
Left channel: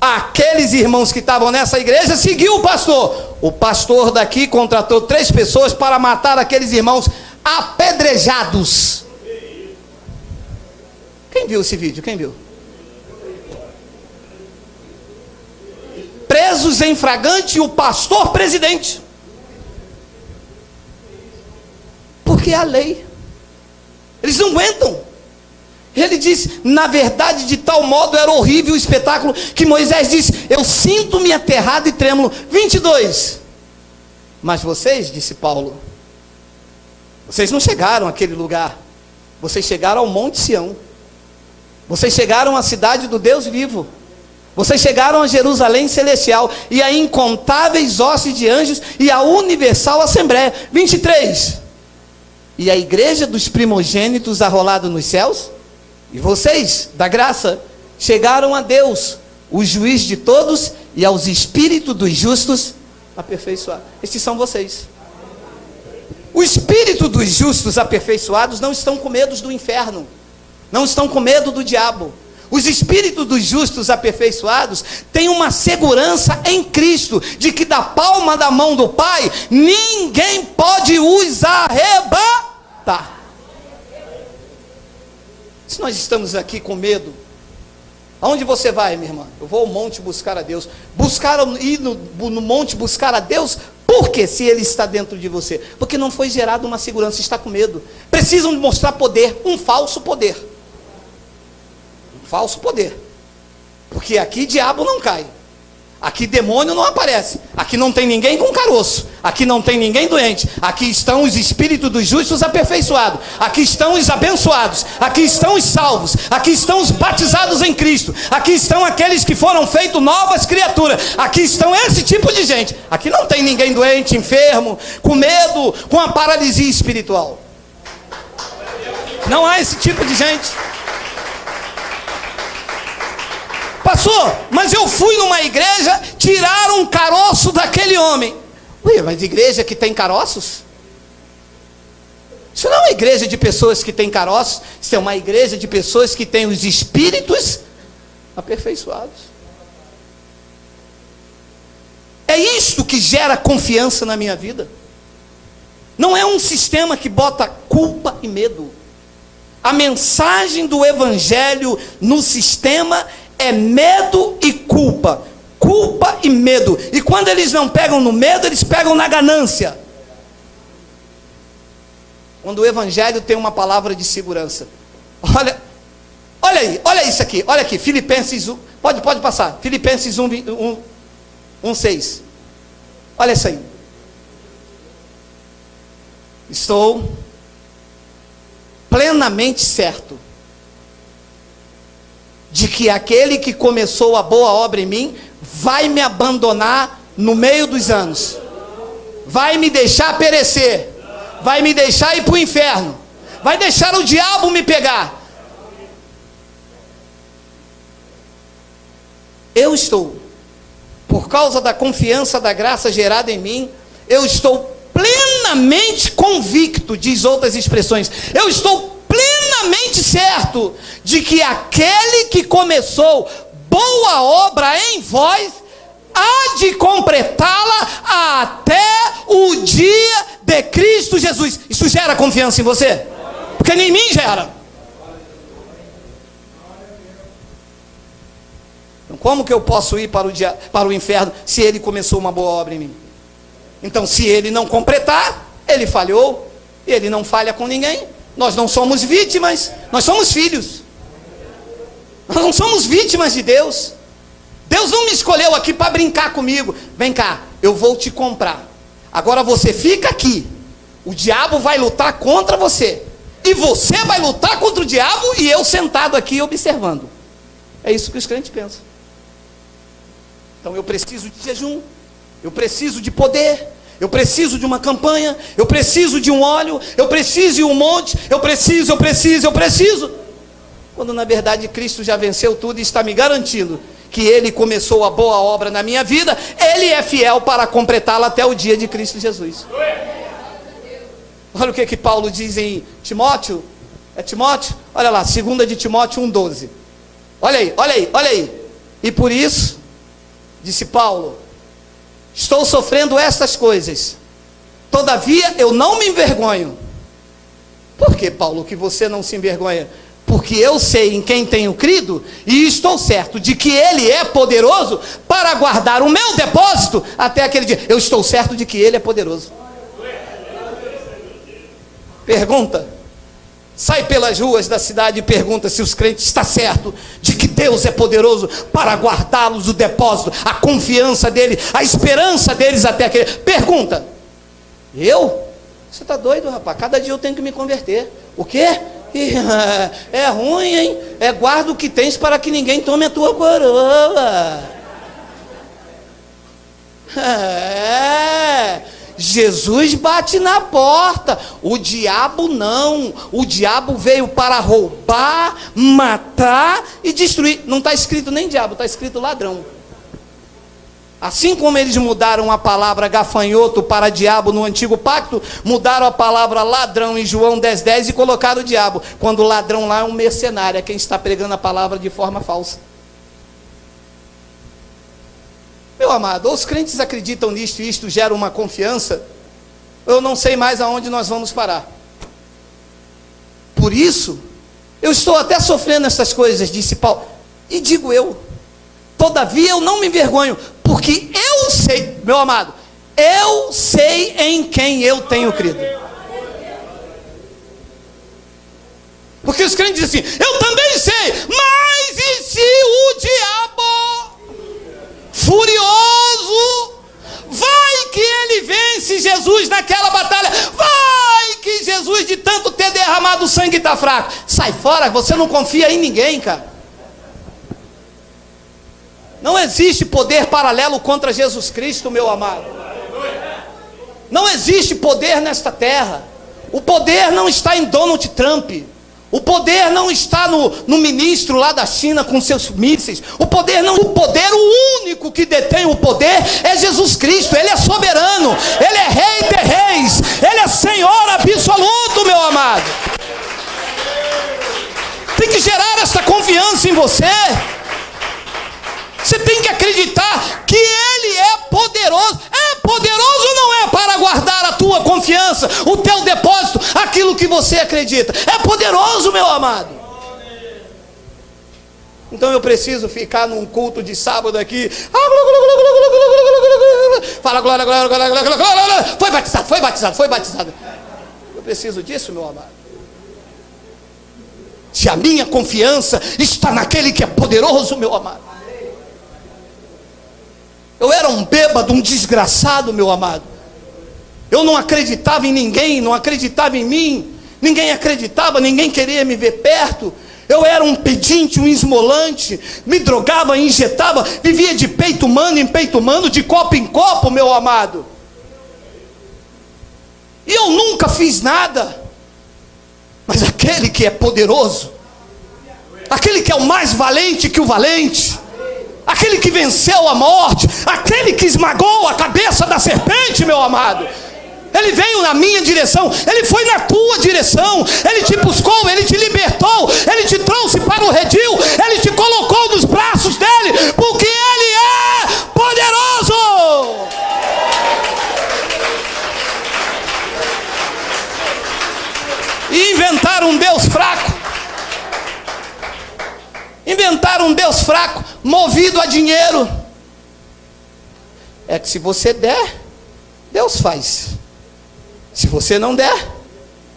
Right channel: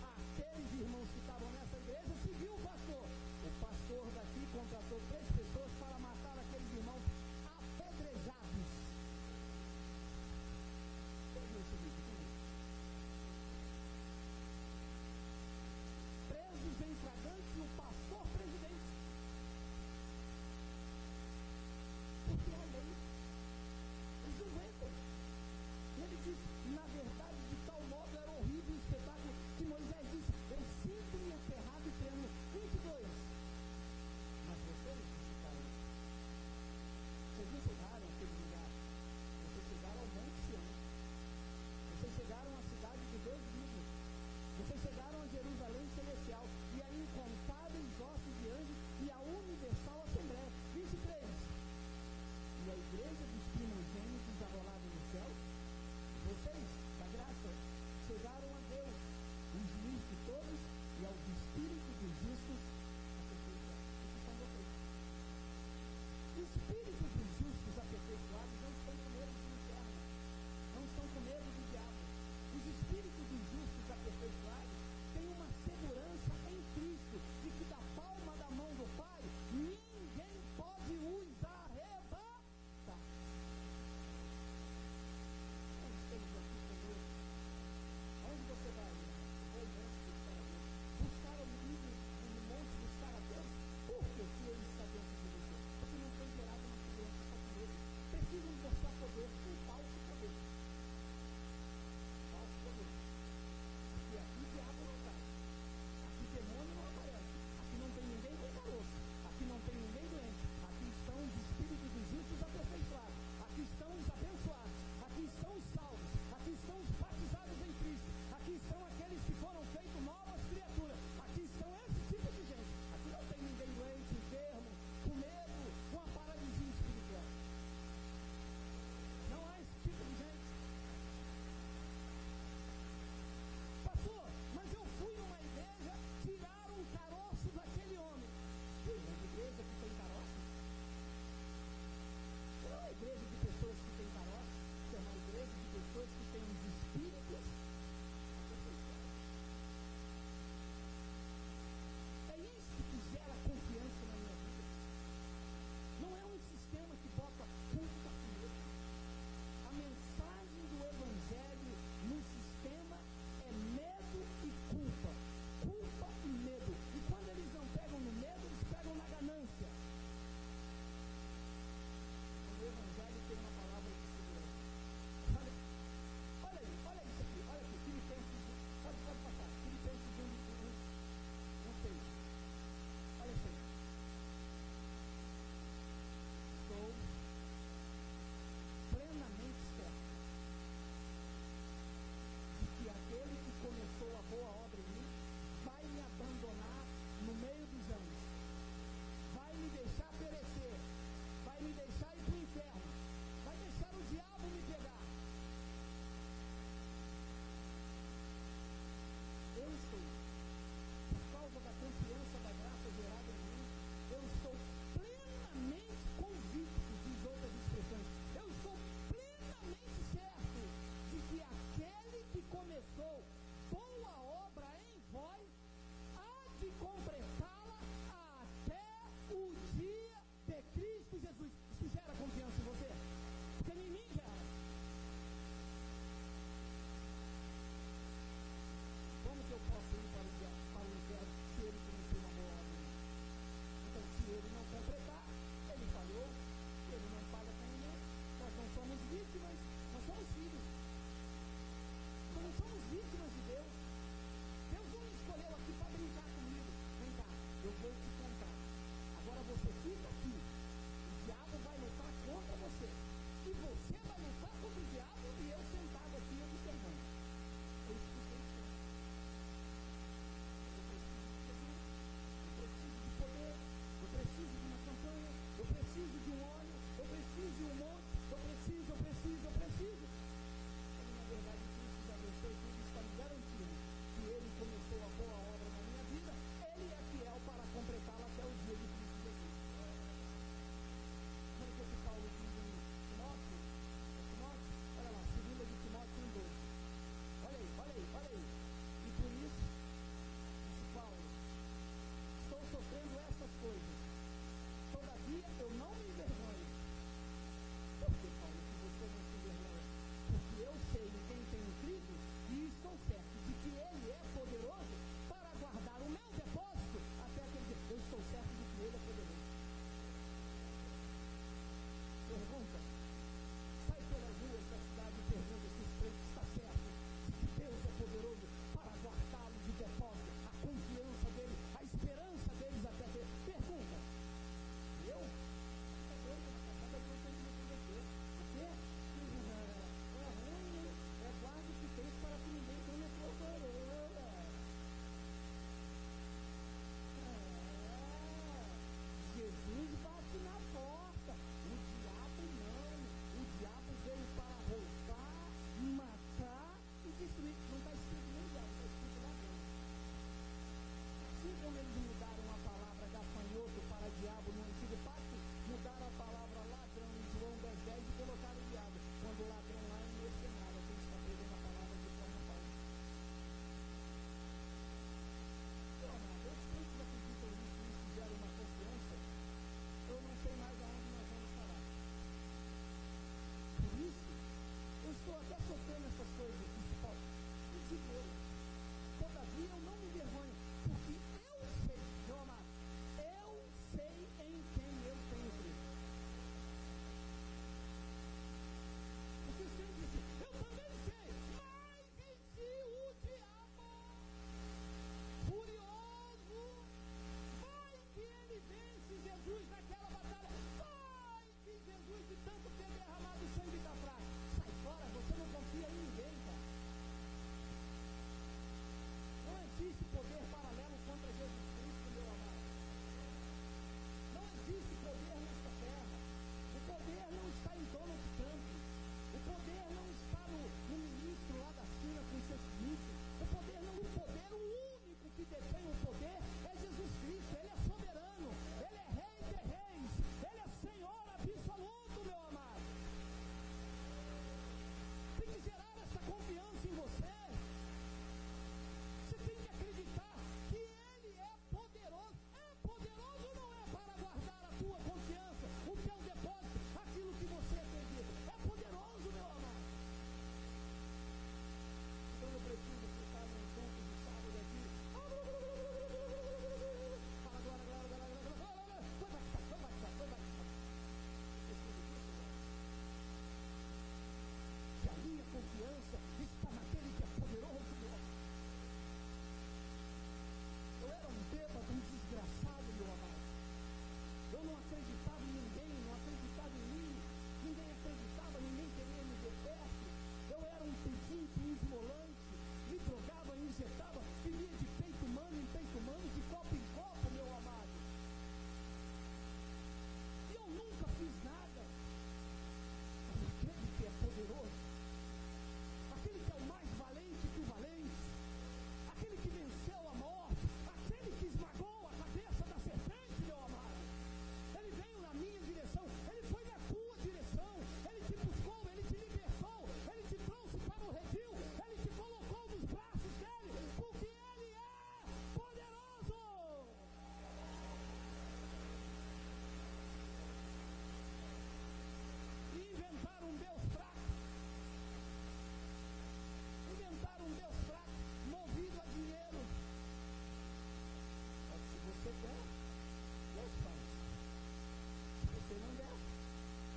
Aqueles irmãos que estavam nessa igreja seguiu o pastor daqui contratou 3 pessoas para matar aqueles irmãos apedrejados. Quem viu esse vídeo? Quem viu? Presos em flagrante, o pastor presidente. Porque é a lei. Eles não aguentam. Ele disse, na verdade, de tal modo era horrível o espetáculo, que Moisés disse, eu sinto-me aterrado e trêmulo. 22. Mas vocês, disse Paulo, vocês não chegaram àquele lugar. Vocês chegaram ao Monte Sião. Vocês chegaram à cidade do Deus vivo. Vocês chegaram a Jerusalém celestial, e a incontáveis hostes de anjos, e a universal assembleia. 23. E a igreja dos primogênitos arrolado nos céus. E vocês, da graça, chegaram a Deus, o juiz de todos, e aos espíritos dos justos aperfeiçoados. Estes são vocês. O espírito dos justos aperfeiçoados não estão com medo do inferno, não estão com medo do diabo. Os espíritos dos justos aperfeiçoados têm uma segurança em Cristo, de que da palma da mão do Pai, ninguém pode os arrebatar. Se nós estamos aqui com medo, aonde você vai, minha irmã? Eu vou ao monte buscar a Deus. Ir no monte buscar a Deus, por quê? Se Ele está dentro de você. Porque não foi gerada uma segurança, está com medo. Precisam mostrar poder, um falso poder. Falso poder, porque aqui diabo não cai, aqui demônio não aparece, aqui não tem ninguém com caroço, aqui não tem ninguém doente, aqui estão os espíritos dos justos aperfeiçoados, aqui estão os abençoados, aqui estão os salvos, aqui estão os batizados em Cristo, aqui estão aqueles que foram feitos novas criaturas, aqui estão esse tipo de gente, aqui não tem ninguém doente, enfermo, com medo, com a paralisia espiritual, não há esse tipo de gente. Pastor, mas eu fui numa igreja, tiraram um caroço daquele homem. Ué, mas igreja que tem caroços? Isso não é uma igreja de pessoas que têm caroços, isso é uma igreja de pessoas que têm os espíritos aperfeiçoados. É isto que gera confiança na minha vida. Não é um sistema que bota culpa e medo. A mensagem do evangelho no sistema é medo e culpa. Culpa e medo. E quando eles não pegam no medo, eles pegam na ganância. Quando o evangelho tem uma palavra de segurança. Olha aí, olha isso aqui. Olha aqui, Filipenses 1. Pode passar. Filipenses 1:6. Olha isso aí. Estou plenamente certo de que aquele que começou a boa obra em mim, vai me abandonar no meio dos anos, vai me deixar perecer, vai me deixar ir para o inferno, vai deixar o diabo me pegar. Eu estou, por causa da confiança da graça gerada em mim, eu estou plenamente convicto, diz outras expressões, eu estou plenamente certo de que aquele que começou boa obra em vós, há de completá-la até o dia de Cristo Jesus. Isso gera confiança em você? Porque nem em mim gera. Então, como que eu posso ir para o inferno se ele começou uma boa obra em mim? Então, se ele não completar, ele falhou, e ele não falha com ninguém. Nós não somos vítimas, nós somos filhos. Nós não somos vítimas de Deus. Deus não me escolheu aqui para brincar comigo. Vem cá, eu vou te comprar. Agora você fica aqui. O diabo vai lutar contra você. E você vai lutar contra o diabo e eu sentado aqui observando. É isso que os crentes pensam. Então eu preciso de jejum. Eu preciso de poder. Eu preciso de uma campanha, eu preciso de um óleo, eu preciso de um monte, eu preciso. Quando na verdade Cristo já venceu tudo e está me garantindo que Ele começou a boa obra na minha vida, Ele é fiel para completá-la até o dia de Cristo Jesus. Olha o que Paulo diz em Timóteo, é Timóteo? Olha lá, 2 de Timóteo 1:12. Olha aí. E por isso, disse Paulo, estou sofrendo estas coisas, todavia eu não me envergonho. Por que, Paulo, que você não se envergonha? Porque eu sei em quem tenho crido, e estou certo de que Ele é poderoso para guardar o meu depósito até aquele dia. Eu estou certo de que Ele é poderoso. Pergunta, sai pelas ruas da cidade e pergunta se os crentes estão certos de que Deus é poderoso para guardá-los o depósito, a confiança dele, a esperança deles até aquele. Pergunta. Eu? Você está doido, rapaz? Cada dia eu tenho que me converter. O quê? É ruim, hein? Guarda o que tens para que ninguém tome a tua coroa. Jesus bate na porta, o diabo não. O diabo veio para roubar, matar e destruir. Não está escrito nem diabo, está escrito ladrão. Assim como eles mudaram a palavra gafanhoto para diabo no antigo pacto, mudaram a palavra ladrão em João 10:10 e colocaram o diabo, quando o ladrão lá é um mercenário, é quem está pregando a palavra de forma falsa. Meu amado, ou os crentes acreditam nisto e isto gera uma confiança, eu não sei mais aonde nós vamos parar. Por isso, eu estou até sofrendo essas coisas, disse Paulo, e digo eu, todavia eu não me envergonho, porque eu sei, meu amado, eu sei em quem eu tenho crido. Porque os crentes dizem assim, eu também sei, mas e se o diabo, furioso, vai que ele vence Jesus naquela batalha, vai que Jesus de tanto ter derramado sangue está fraco, sai fora, você não confia em ninguém, cara. Não existe poder paralelo contra Jesus Cristo, meu amado. Não existe poder nesta terra. O poder não está em Donald Trump. O poder não está no ministro lá da China com seus mísseis. O poder, o único que detém o poder é Jesus Cristo. Ele é soberano. Ele é rei de reis. Ele é Senhor absoluto, meu amado. Tem que gerar essa confiança em você. Você tem que acreditar que Ele é poderoso. É poderoso ou não é para guardar a tua confiança, o teu depósito, aquilo que você acredita? É poderoso, meu amado. Então eu preciso ficar num culto de sábado aqui. Fala glória, glória, glória, glória, glória. Foi batizado, foi batizado, foi batizado. Eu preciso disso, meu amado. Se a minha confiança está naquele que é poderoso, meu amado. Eu era um bêbado, um desgraçado, meu amado. Eu não acreditava em ninguém, não acreditava em mim. Ninguém acreditava, ninguém queria me ver perto. Eu era um pedinte, um esmolante. Me drogava, injetava, vivia de peito humano em peito humano, de copo em copo, meu amado. E eu nunca fiz nada. Mas aquele que é poderoso, aquele que é o mais valente que o valente, aquele que venceu a morte, aquele que esmagou a cabeça da serpente, meu amado, ele veio na minha direção, ele foi na tua direção, ele te buscou, ele te libertou, ele te trouxe para o redil, ele te colocou nos braços dele, porque ele é poderoso. E inventaram um Deus fraco. Inventaram um Deus fraco, movido a dinheiro. É que se você der, Deus faz. Se você não der,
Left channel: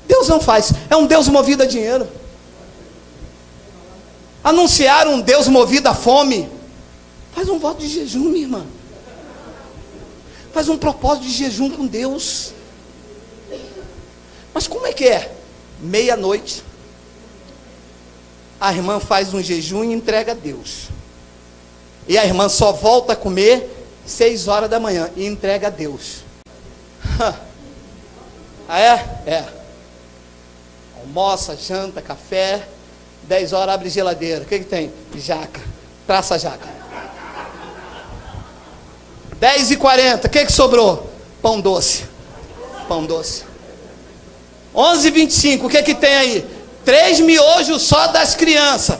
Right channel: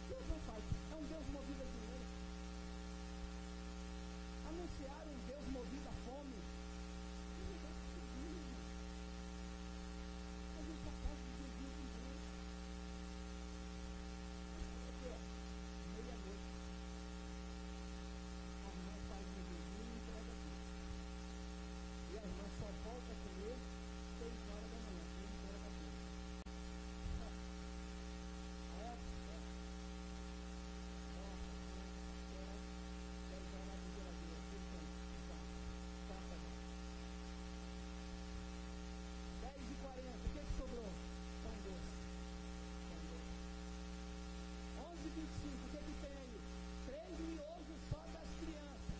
Deus não faz. É um Deus movido a dinheiro. Anunciaram um Deus movido a fome. Faz um voto de jejum, minha irmã. Faz um propósito de jejum com Deus. Mas como é que é? Meia-noite, a irmã faz um jejum e entrega a Deus. E a irmã só volta a comer 6 horas da manhã e entrega a Deus. Ah, é? É. Almoça, janta, café. 10 horas abre geladeira. O que tem? Jaca. Traça a jaca. 10h40. O que sobrou? Pão doce. Pão doce. 11h25. O que tem aí? 3 miojos só das crianças.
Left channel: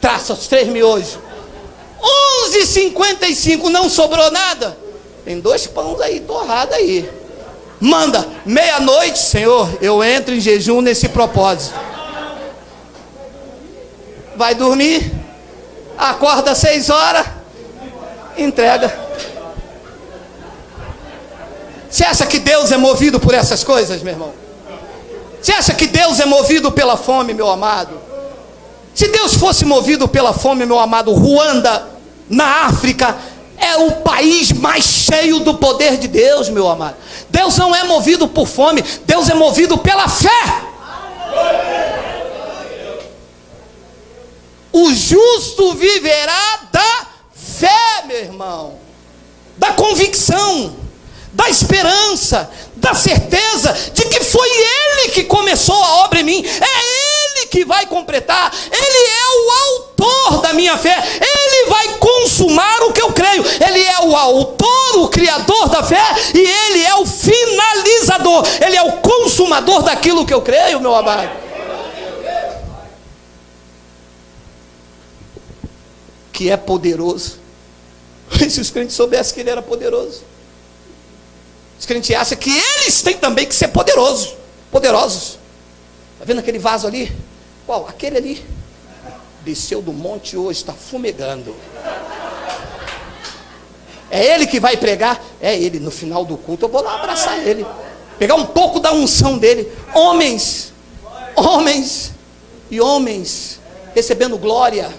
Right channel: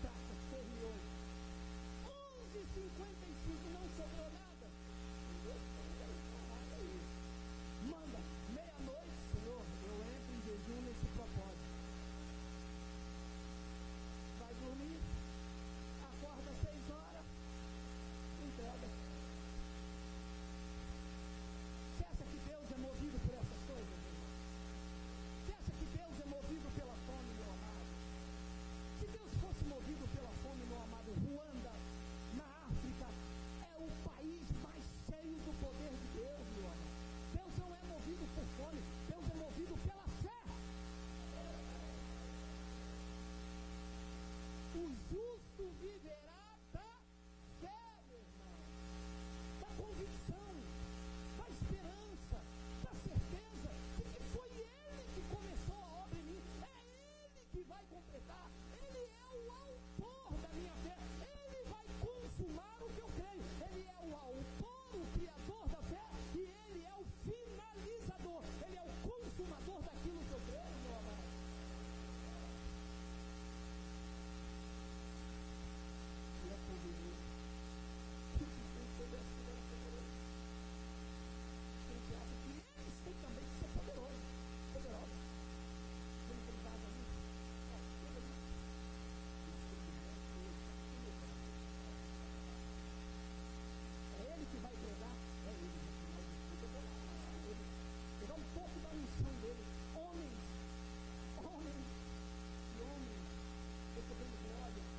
Traça os 3 miojos. 11h55. Não sobrou nada? Tem 2 pães aí, torrado aí. Manda, meia-noite, Senhor, eu entro em jejum nesse propósito. Vai dormir, acorda 6 horas, entrega. Você acha que Deus é movido por essas coisas, meu irmão? Você acha que Deus é movido pela fome, meu amado? Se Deus fosse movido pela fome, meu amado, Ruanda, na África, é o país mais cheio do poder de Deus, meu amado. Deus não é movido por fome, Deus é movido pela fé. O justo viverá da fé, meu irmão, da convicção, da esperança, da certeza de que foi Ele que começou a obra em mim, é Ele que vai completar, Ele é o autor da minha fé, Ele vai consumar consumar o que eu creio. Ele é o autor, o criador da fé, e Ele é o finalizador. Ele é o consumador daquilo que eu creio, meu amado. Que é poderoso. Se os crentes soubessem que Ele era poderoso. Os crentes acham que eles têm também que ser poderosos. Está vendo aquele vaso ali? Qual? Aquele ali. Desceu do monte hoje, está fumegando. É ele que vai pregar? É ele. No final do culto eu vou lá abraçar ele, pegar um pouco da unção dele. Homens e homens recebendo glória,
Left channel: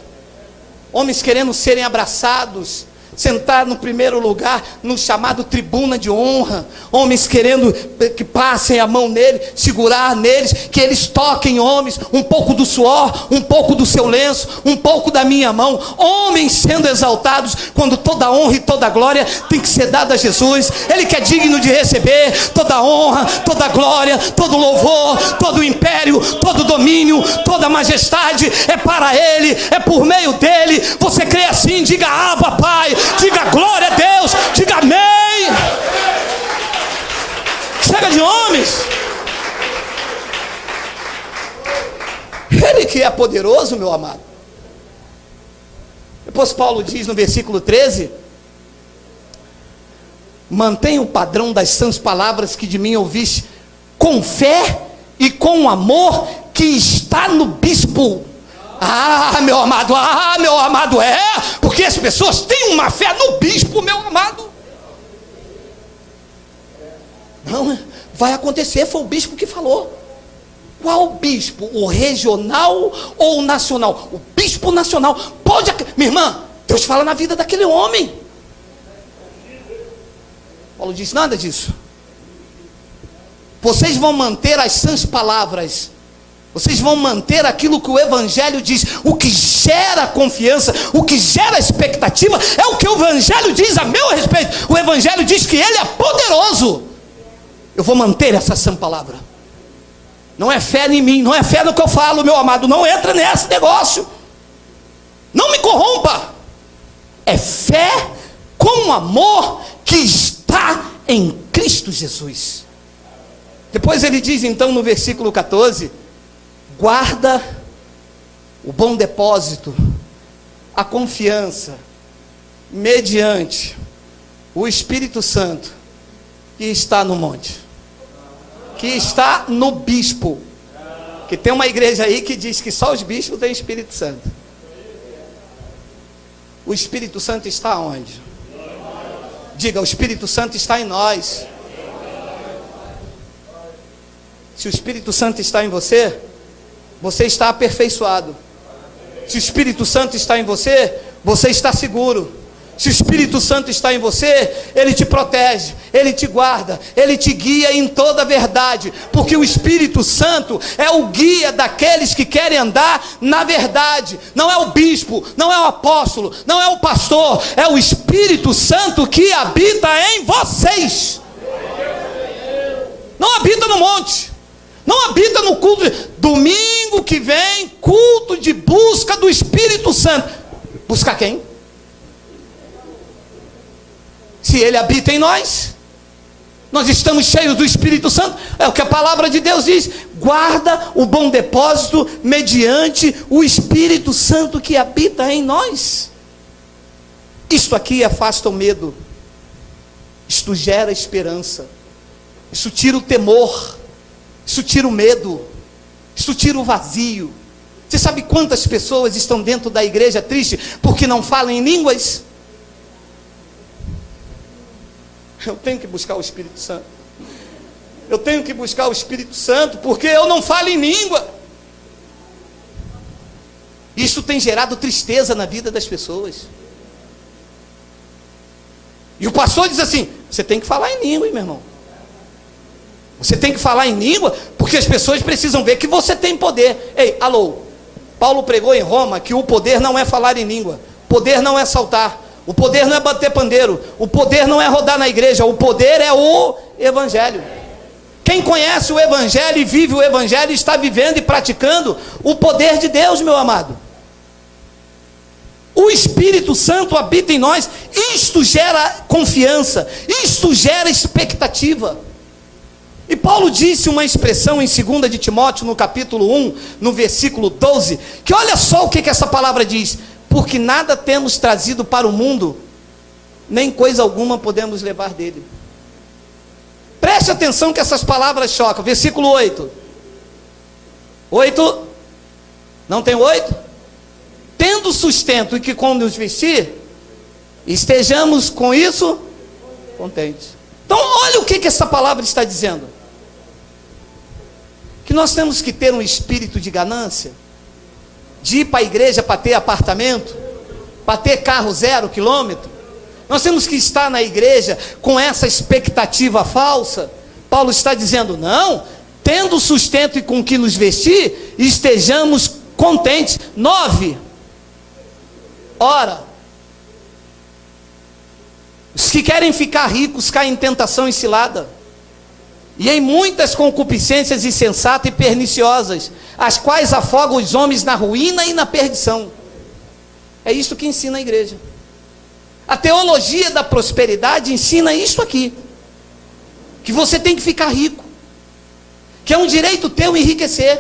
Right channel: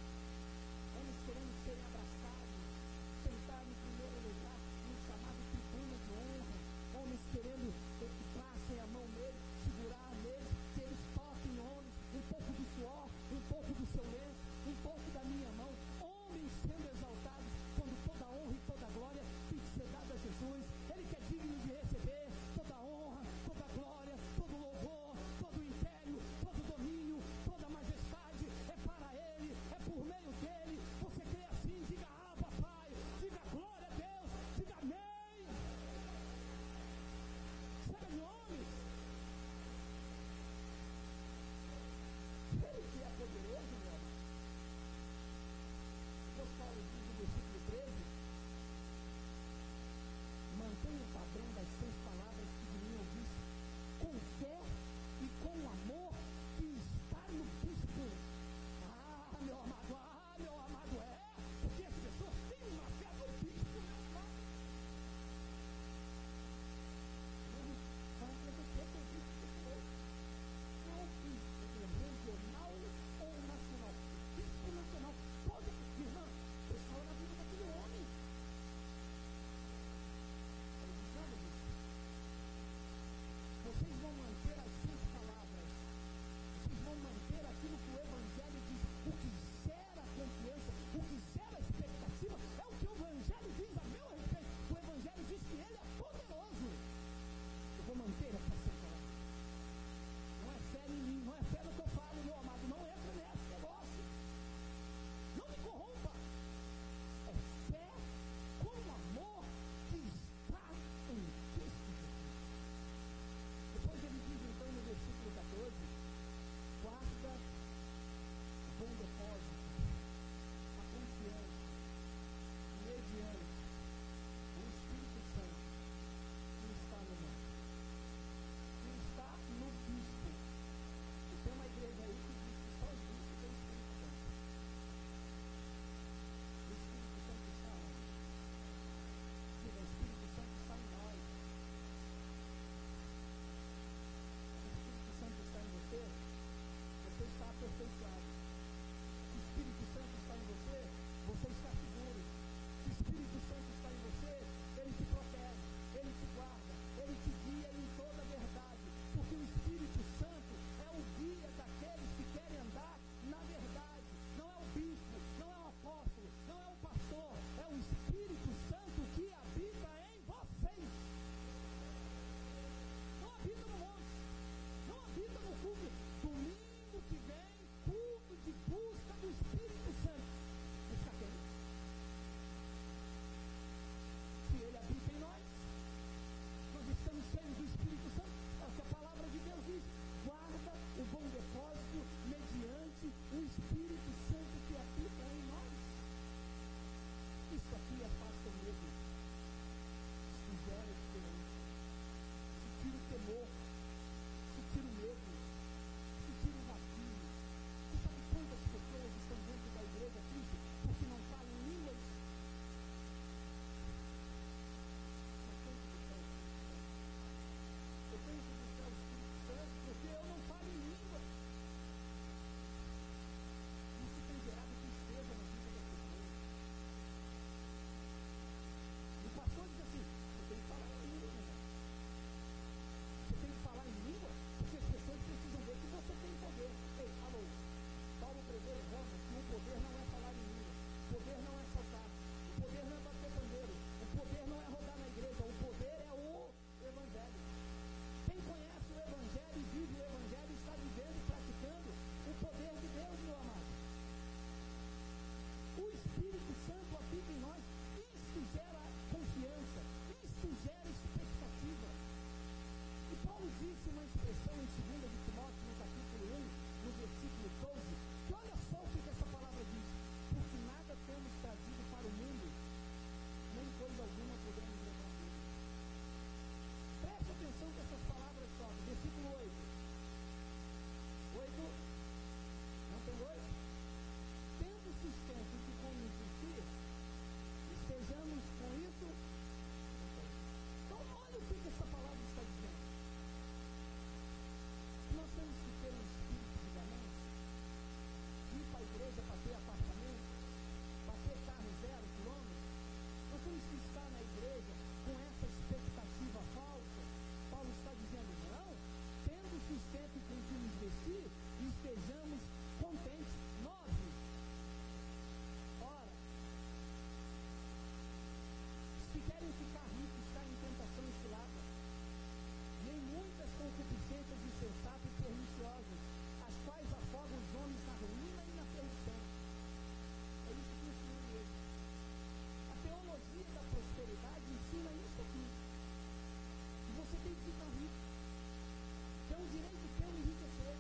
homens querendo serem abraçados, sentar no primeiro lugar, no chamado tribuna de honra, homens querendo que passem a mão nele, segurar neles, que eles toquem, homens, um pouco do suor, um pouco do seu lenço, um pouco da minha mão, homens sendo exaltados, quando toda honra e toda glória tem que ser dada a Jesus. Ele que é digno de receber toda honra, toda glória, todo louvor, todo império, todo domínio, toda majestade, é para Ele, é por meio dele. Você crê assim? Diga Abba, Pai. Diga glória a Deus, diga amém. Chega de homens. Ele que é poderoso, meu amado. Depois Paulo diz no versículo 13: mantenha o padrão das sãs palavras que de mim ouviste, com fé e com amor que está no bispo. Meu amado, porque as pessoas têm uma fé no bispo, meu amado. Não, vai acontecer, foi o bispo que falou. Qual bispo? O regional ou o nacional? O bispo nacional. Pode, minha irmã, Deus fala na vida daquele homem. Paulo diz: nada disso. Vocês vão manter as sãs palavras. Vocês vão manter aquilo que o Evangelho diz. O que gera confiança, o que gera expectativa, é o que o Evangelho diz a meu respeito. O Evangelho diz que Ele é poderoso. Eu vou manter essa sã palavra. Não é fé em mim, não é fé no que eu falo, meu amado. Não entra nesse negócio. Não me corrompa. É fé com amor que está em Cristo Jesus. Depois ele diz então no versículo 14: guarda o bom depósito, a confiança, mediante o Espírito Santo que está no monte, que está no bispo. Que tem uma igreja aí que diz que só os bispos têm Espírito Santo. O Espírito Santo está onde? Diga: o Espírito Santo está em nós. Se o Espírito Santo está em você, você está aperfeiçoado. Se o Espírito Santo está em você, você está seguro. Se o Espírito Santo está em você, Ele te protege, Ele te guarda, Ele te guia em toda a verdade, porque o Espírito Santo é o guia daqueles que querem andar na verdade. Não é o bispo, não é o apóstolo, não é o pastor, é o Espírito Santo que habita em vocês. Não habita no monte, não habita no culto. Domingo que vem, culto de busca do Espírito Santo. Buscar quem? Se Ele habita em nós, nós estamos cheios do Espírito Santo. É o que a palavra de Deus diz: guarda o bom depósito mediante o Espírito Santo que habita em nós. Isto aqui afasta o medo, isto gera esperança, isso tira o temor, isso tira o medo, isso tira o vazio. Você sabe quantas pessoas estão dentro da igreja triste porque não falam em línguas? Eu tenho que buscar o Espírito Santo. Eu tenho que buscar o Espírito Santo, porque eu não falo em língua. Isso tem gerado tristeza na vida das pessoas. E o pastor diz assim: você tem que falar em língua, hein, meu irmão. Você tem que falar em língua, porque as pessoas precisam ver que você tem poder. Ei, alô, Paulo pregou em Roma que o poder não é falar em língua, poder não é saltar, o poder não é bater pandeiro, o poder não é rodar na igreja, o poder é o Evangelho. Quem conhece o Evangelho e vive o Evangelho está vivendo e praticando o poder de Deus, meu amado. Espírito Santo habita em nós, isto gera confiança, isto gera expectativa. E Paulo disse uma expressão em 2 de Timóteo, no capítulo 1, no versículo 12, que olha só o que essa palavra diz: porque nada temos trazido para o mundo, nem coisa alguma podemos levar dele. Preste atenção que essas palavras chocam. Versículo 8. 8, não tem 8? Tendo sustento e que com nos vestir, estejamos com isso contentes. Então olha o que essa palavra está dizendo. Que nós temos que ter um espírito de ganância, de ir para a igreja para ter apartamento, para ter carro 0 quilômetro. Nós temos que estar na igreja com essa expectativa falsa. Paulo está dizendo, não, tendo sustento e com que nos vestir, estejamos contentes. 9, ora, os que querem ficar ricos caem em tentação e cilada, e em muitas concupiscências insensatas e perniciosas, as quais afogam os homens na ruína e na perdição. É isso que ensina a igreja. A teologia da prosperidade ensina isso aqui, que você tem que ficar rico, que é um direito teu enriquecer,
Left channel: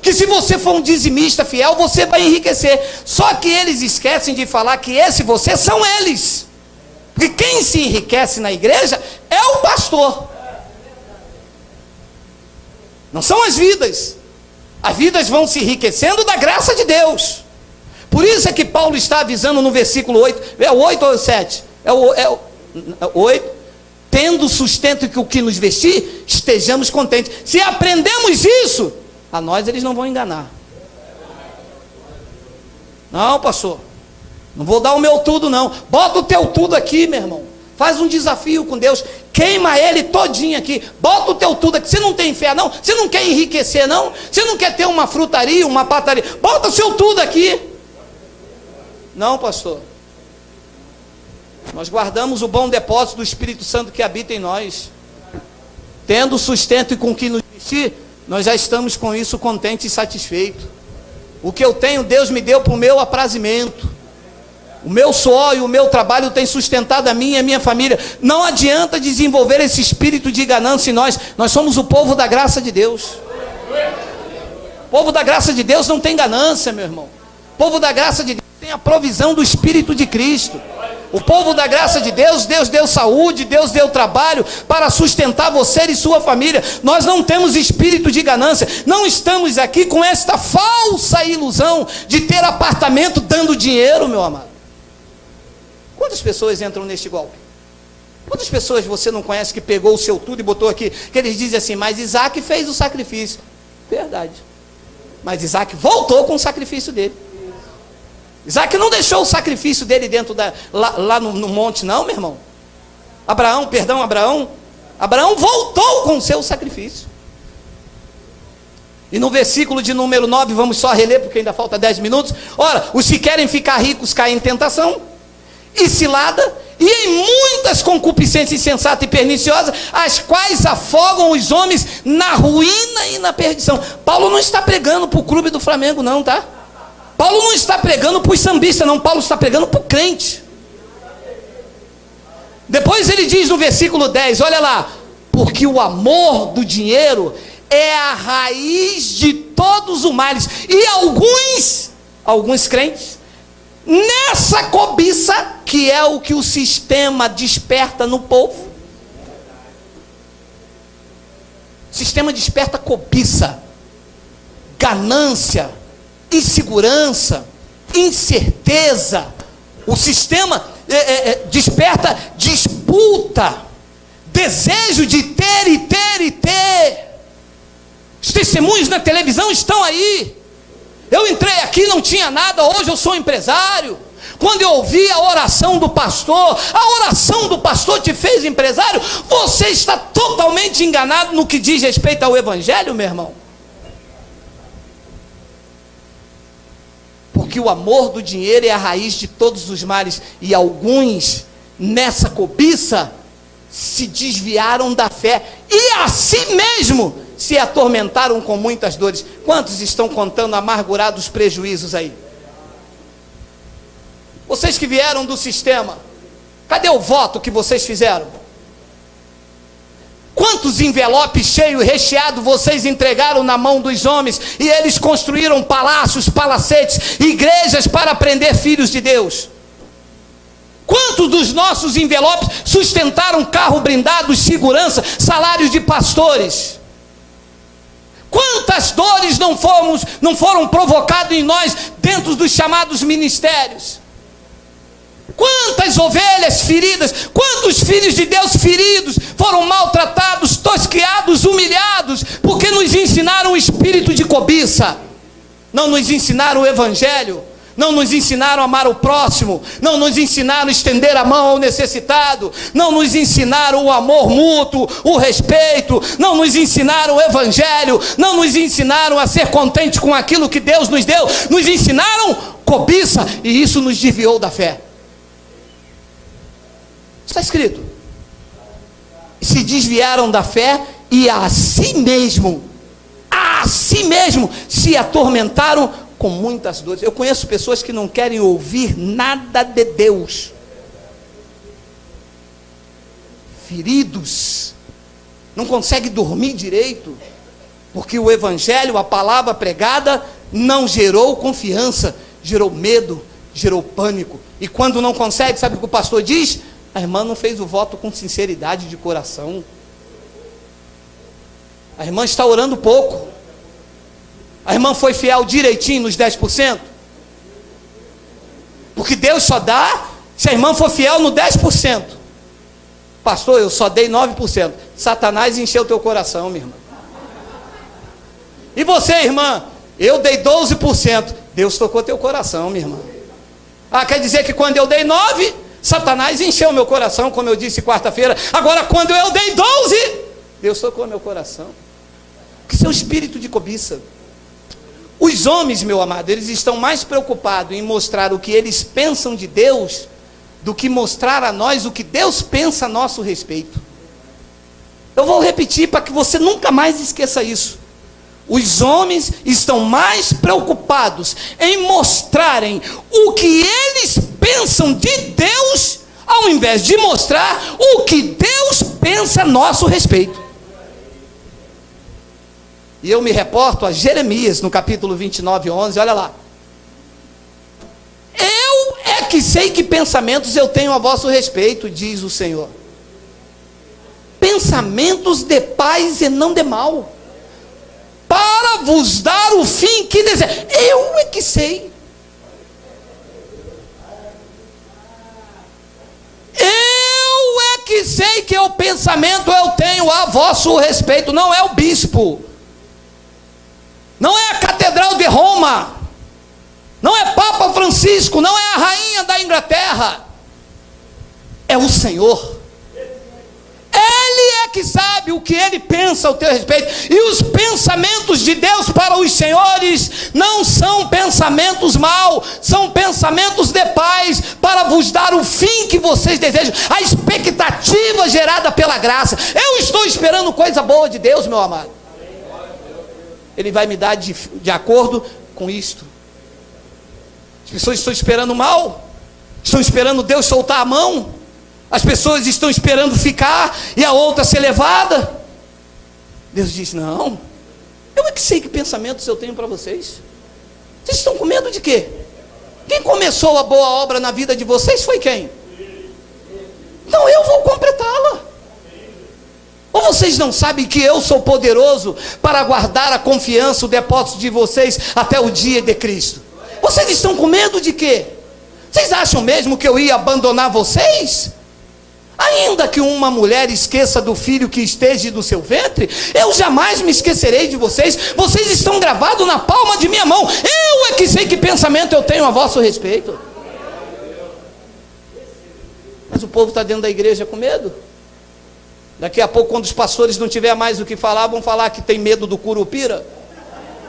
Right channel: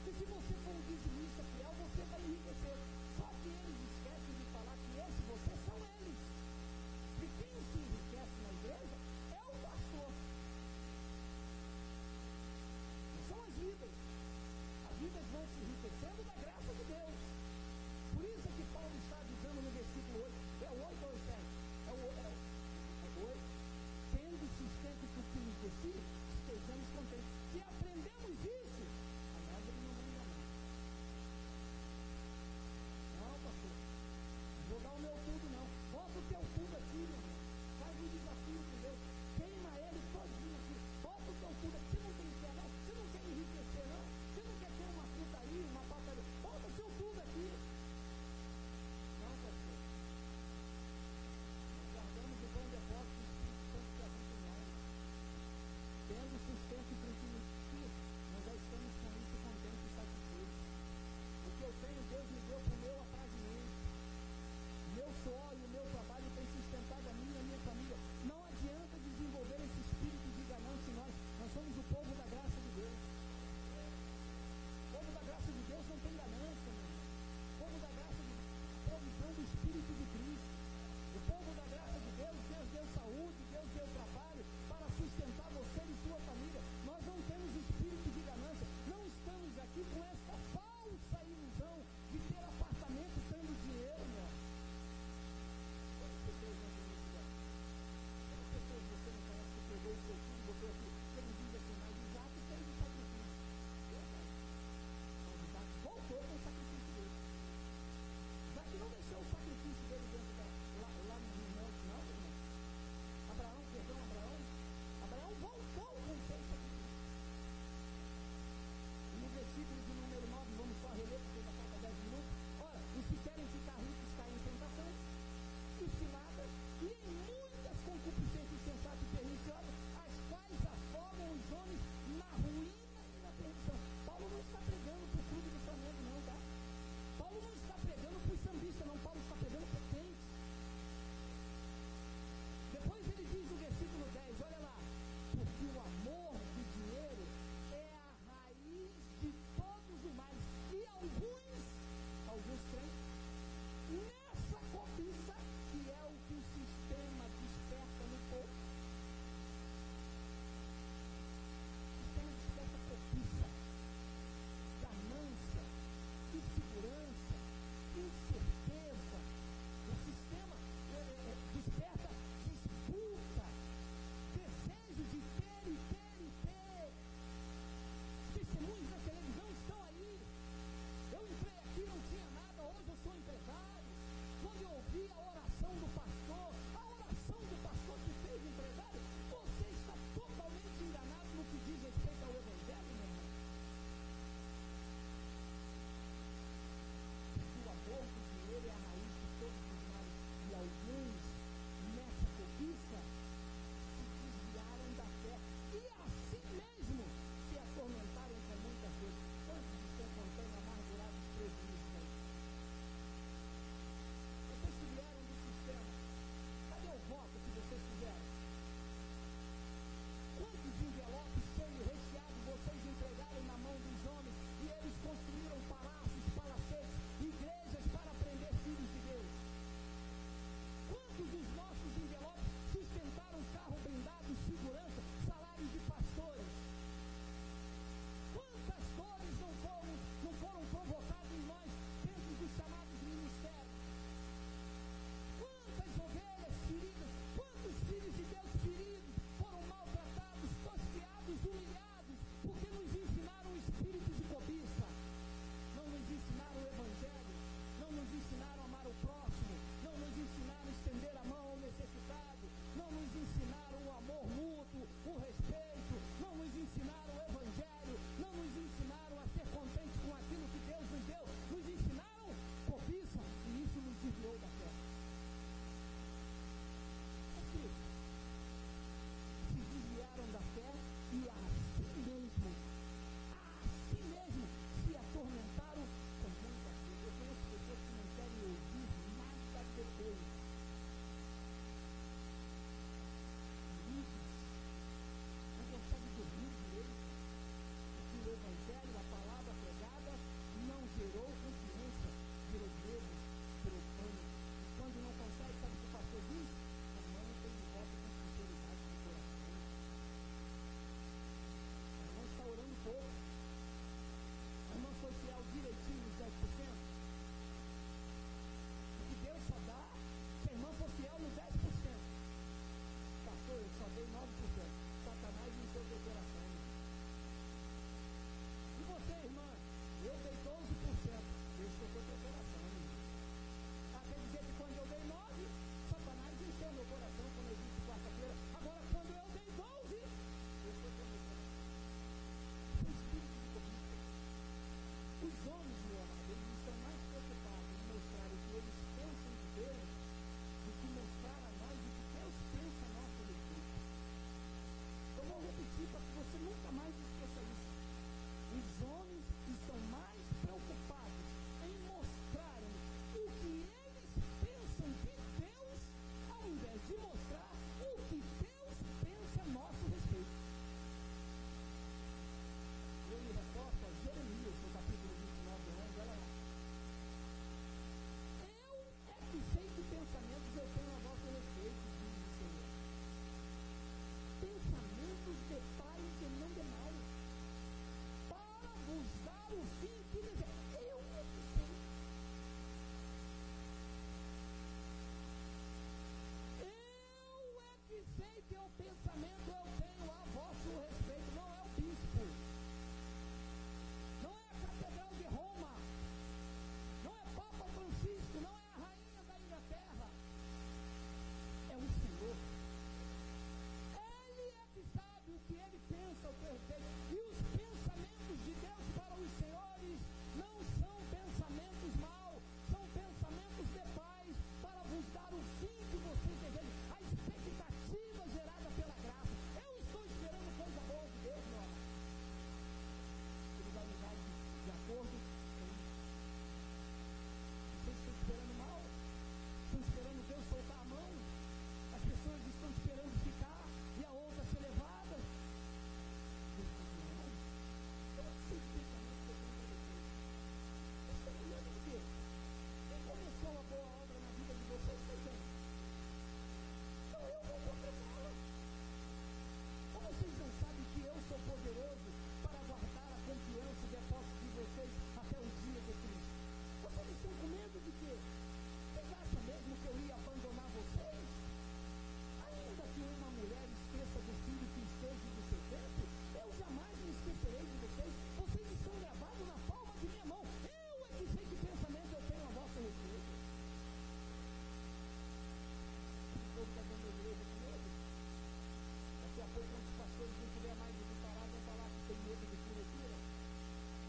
que se você for um dizimista fiel, você vai enriquecer. Só que eles esquecem de falar que esse você são eles, porque quem se enriquece na igreja é o pastor, não são as vidas. As vidas vão se enriquecendo da graça de Deus. Por isso é que Paulo está avisando no versículo 8, é o 8 ou o 7? É o 8, tendo sustento que o que nos vestir, estejamos contentes. Se aprendemos isso, a nós eles não vão enganar. Não, pastor, não vou dar o meu tudo não. Bota o teu tudo aqui, meu irmão. Faz um desafio com Deus, queima ele todinho aqui, bota o teu tudo aqui. Você não tem fé não? Você não quer enriquecer não? Você não quer ter uma frutaria, uma pataria? Bota o seu tudo aqui. Não, pastor, nós guardamos o bom depósito do Espírito Santo que habita em nós, tendo sustento e com que nos vestir, nós já estamos com isso contentes e satisfeitos. O que eu tenho, Deus me deu para o meu aprazimento. O meu suor e o meu trabalho tem sustentado a mim e a minha família. Não adianta desenvolver esse espírito de ganância em nós. Nós somos o povo da graça de Deus. O povo da graça de Deus não tem ganância, meu irmão. O povo da graça de Deus tem a provisão do Espírito de Cristo. O povo da graça de Deus, Deus deu saúde, Deus deu trabalho para sustentar você e sua família. Nós não temos espírito de ganância. Não estamos aqui com esta falsa ilusão de ter apartamento dando dinheiro, meu amado. Quantas pessoas entram neste golpe? Quantas pessoas você não conhece que pegou o seu tudo e botou aqui, que eles dizem assim, mas Isaac fez o sacrifício. Verdade. Mas Isaac voltou com o sacrifício dele. Isaac não deixou o sacrifício dele dentro lá no monte não, meu irmão. Abraão voltou com o seu sacrifício. E no versículo de número 9, vamos só reler porque ainda falta 10 minutos. Ora, os que querem ficar ricos caem em tentação e cilada, e em muitas concupiscências insensatas e perniciosas, as quais afogam os homens na ruína e na perdição. Paulo não está pregando para o clube do Flamengo não, tá? Paulo não está pregando para os sambistas não, Paulo está pregando para o crente. Depois ele diz no versículo 10, olha lá, porque o amor do dinheiro é a raiz de todos os males, e alguns crentes, nessa cobiça, que é o que o sistema desperta no povo. O sistema desperta cobiça, ganância, insegurança, incerteza. O sistema desperta disputa, desejo de ter e ter e ter. Os testemunhos na televisão estão aí. Eu entrei aqui, não tinha nada, hoje eu sou empresário. Quando eu ouvi a oração do pastor te fez empresário. Você está totalmente enganado no que diz respeito ao evangelho, meu irmão. Porque o amor do dinheiro é a raiz de todos os males, e alguns nessa cobiça se desviaram da fé e a si mesmo se atormentaram com muitas dores. Quantos estão contando amargurados prejuízos aí? Vocês que vieram do sistema, cadê o voto que vocês fizeram? Quantos envelopes cheios e recheados vocês entregaram na mão dos homens e eles construíram palácios, palacetes, igrejas para prender filhos de Deus? Quantos dos nossos envelopes sustentaram carro blindado, segurança, salários de pastores? Quantas dores não foram provocadas em nós dentro dos chamados ministérios? Quantas ovelhas feridas, quantos filhos de Deus feridos, foram maltratados, tosqueados, humilhados, porque nos ensinaram o espírito de cobiça, não nos ensinaram o evangelho, não nos ensinaram a amar o próximo, não nos ensinaram a estender a mão ao necessitado, não nos ensinaram o amor mútuo, o respeito, não nos ensinaram o evangelho, não nos ensinaram a ser contente com aquilo que Deus nos deu, nos ensinaram cobiça, e isso nos desviou da fé. Está escrito: se desviaram da fé e a si mesmo se atormentaram com muitas dores. Eu conheço pessoas que não querem ouvir nada de Deus, feridos, não conseguem dormir direito, porque o evangelho, a palavra pregada, não gerou confiança, gerou medo, gerou pânico. E quando não consegue, sabe o que o pastor diz? A irmã não fez o voto com sinceridade de coração. A irmã está orando pouco. A irmã foi fiel direitinho nos 10%. Porque Deus só dá se a irmã for fiel no 10%. Pastor, eu só dei 9%. Satanás encheu teu coração, minha irmã. E você, irmã? Eu dei 12%. Deus tocou teu coração, minha irmã. Ah, quer dizer que quando eu dei 9%, Satanás encheu meu coração, como eu disse quarta-feira. Agora, quando eu dei 12%, Deus tocou meu coração. Porque isso é um espírito de cobiça. Os homens, meu amado, eles estão mais preocupados em mostrar o que eles pensam de Deus, do que mostrar a nós o que Deus pensa a nosso respeito. Eu vou repetir para que você nunca mais esqueça isso. Os homens estão mais preocupados em mostrarem o que eles pensam de Deus, ao invés de mostrar o que Deus pensa a nosso respeito. E eu me reporto a Jeremias, no capítulo 29, 11, olha lá. Eu é que sei que pensamentos eu tenho a vosso respeito, diz o Senhor. Pensamentos de paz e não de mal, para vos dar o fim que deseja. Eu é que sei. Eu é que sei que o pensamento eu tenho a vosso respeito. Não é o bispo, não é a catedral de Roma, não é Papa Francisco, não é a rainha da Inglaterra, é o Senhor. Ele é que sabe o que ele pensa ao teu respeito. E os pensamentos de Deus para os senhores não são pensamentos maus, são pensamentos de paz, para vos dar o fim que vocês desejam, a expectativa gerada pela graça. Eu estou esperando coisa boa de Deus, meu amado. Ele vai me dar de acordo com isto. As pessoas estão esperando mal, estão esperando Deus soltar a mão. As pessoas estão esperando ficar e a outra ser levada. Deus diz: não, eu é que sei que pensamentos eu tenho para vocês. Vocês estão com medo de quê? Quem começou a boa obra na vida de vocês foi quem? Então eu vou completá-la. Ou vocês não sabem que eu sou poderoso para guardar a confiança, o depósito de vocês até o dia de Cristo? Vocês estão com medo de quê? Vocês acham mesmo que eu ia abandonar vocês? Ainda que uma mulher esqueça do filho que esteja no seu ventre, eu jamais me esquecerei de vocês. Vocês estão gravados na palma de minha mão. Eu é que sei que pensamento eu tenho a vosso respeito. Mas o povo está dentro da igreja com medo. Daqui a pouco, quando os pastores não tiver mais o que falar, vão falar que tem medo do curupira,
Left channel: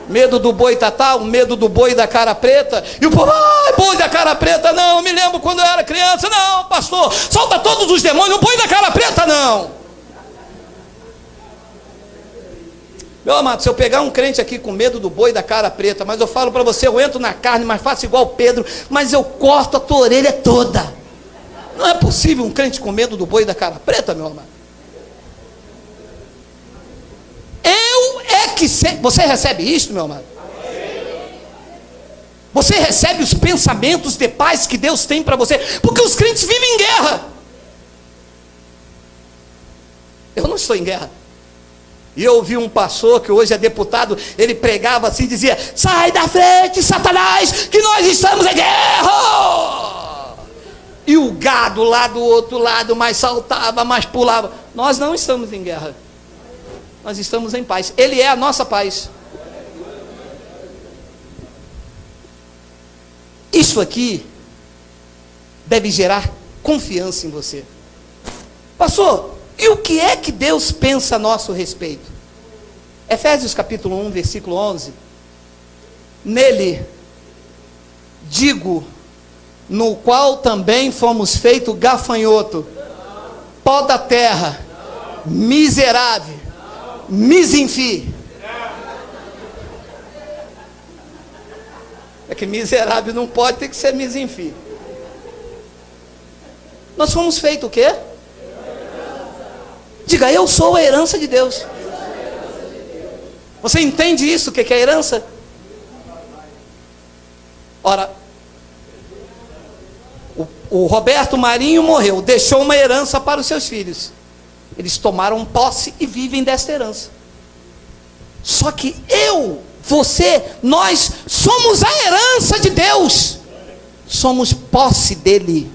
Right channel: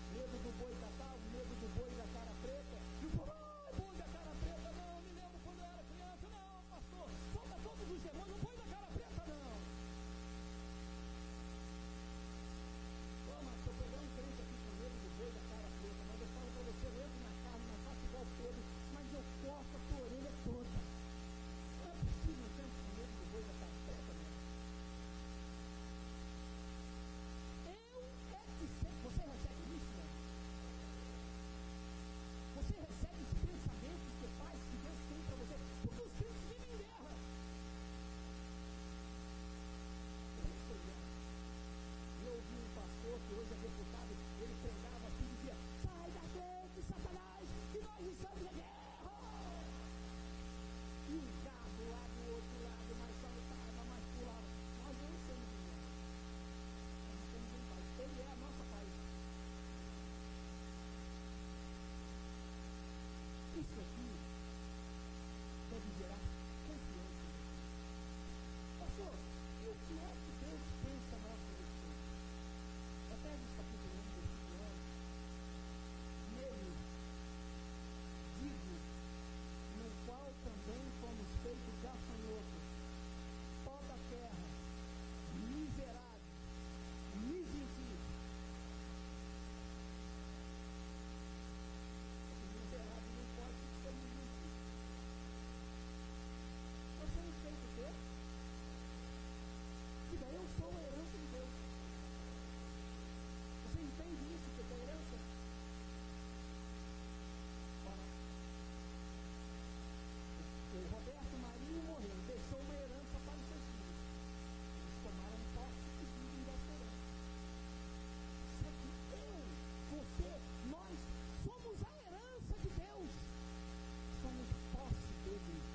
medo do boitatá, medo do boi da cara preta. E o povo: ai, boi da cara preta não, eu me lembro quando eu era criança. Não, pastor, solta todos os demônios, o boi da cara preta não. Meu amado, se eu pegar um crente aqui com medo do boi da cara preta, mas eu falo para você, eu entro na carne, mas faço igual Pedro, mas eu corto a tua orelha toda. Não é possível um crente com medo do boi da cara preta, meu amado. Você recebe isto, meu amado? Você recebe os pensamentos de paz que Deus tem para você, porque os crentes vivem em guerra. Eu não estou em guerra. E eu ouvi um pastor que hoje é deputado, ele pregava assim, dizia: sai da frente, Satanás, que nós estamos em guerra. E o gado lá do outro lado mais saltava, mais pulava. Nós não estamos em guerra, nós estamos em paz. Ele é a nossa paz. Isso aqui deve gerar confiança em você. Pastor, e o que é que Deus pensa a nosso respeito? Efésios capítulo 1, versículo 11. Nele, digo, no qual também fomos feitos gafanhoto, pó da terra, miserável, misinfim. É que miserável não pode, ter que ser misinfim. Nós fomos feitos o quê? Diga, eu sou a herança de Deus. Você entende isso, o que é herança? Ora, o Roberto Marinho morreu, deixou uma herança para os seus filhos. Eles tomaram posse e vivem desta herança. Só que você, nós somos a herança de Deus. Somos posse dele.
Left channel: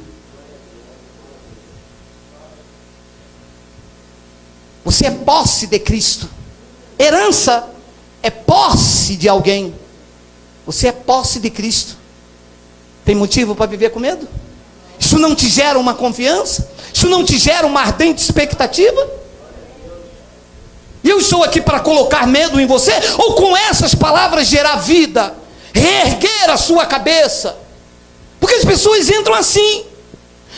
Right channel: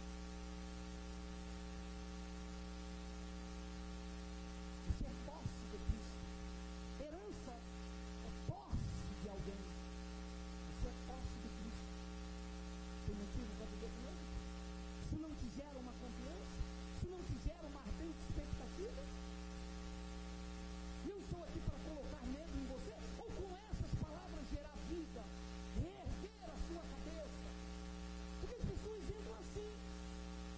Você é posse de Cristo. Herança é posse de alguém. Você é posse de Cristo. Tem motivo para viver com medo? Isso não te gera uma confiança? Isso não te gera uma ardente expectativa? E eu estou aqui para colocar medo em você, ou com essas palavras gerar vida, reerguer a sua cabeça? Porque as pessoas entram assim.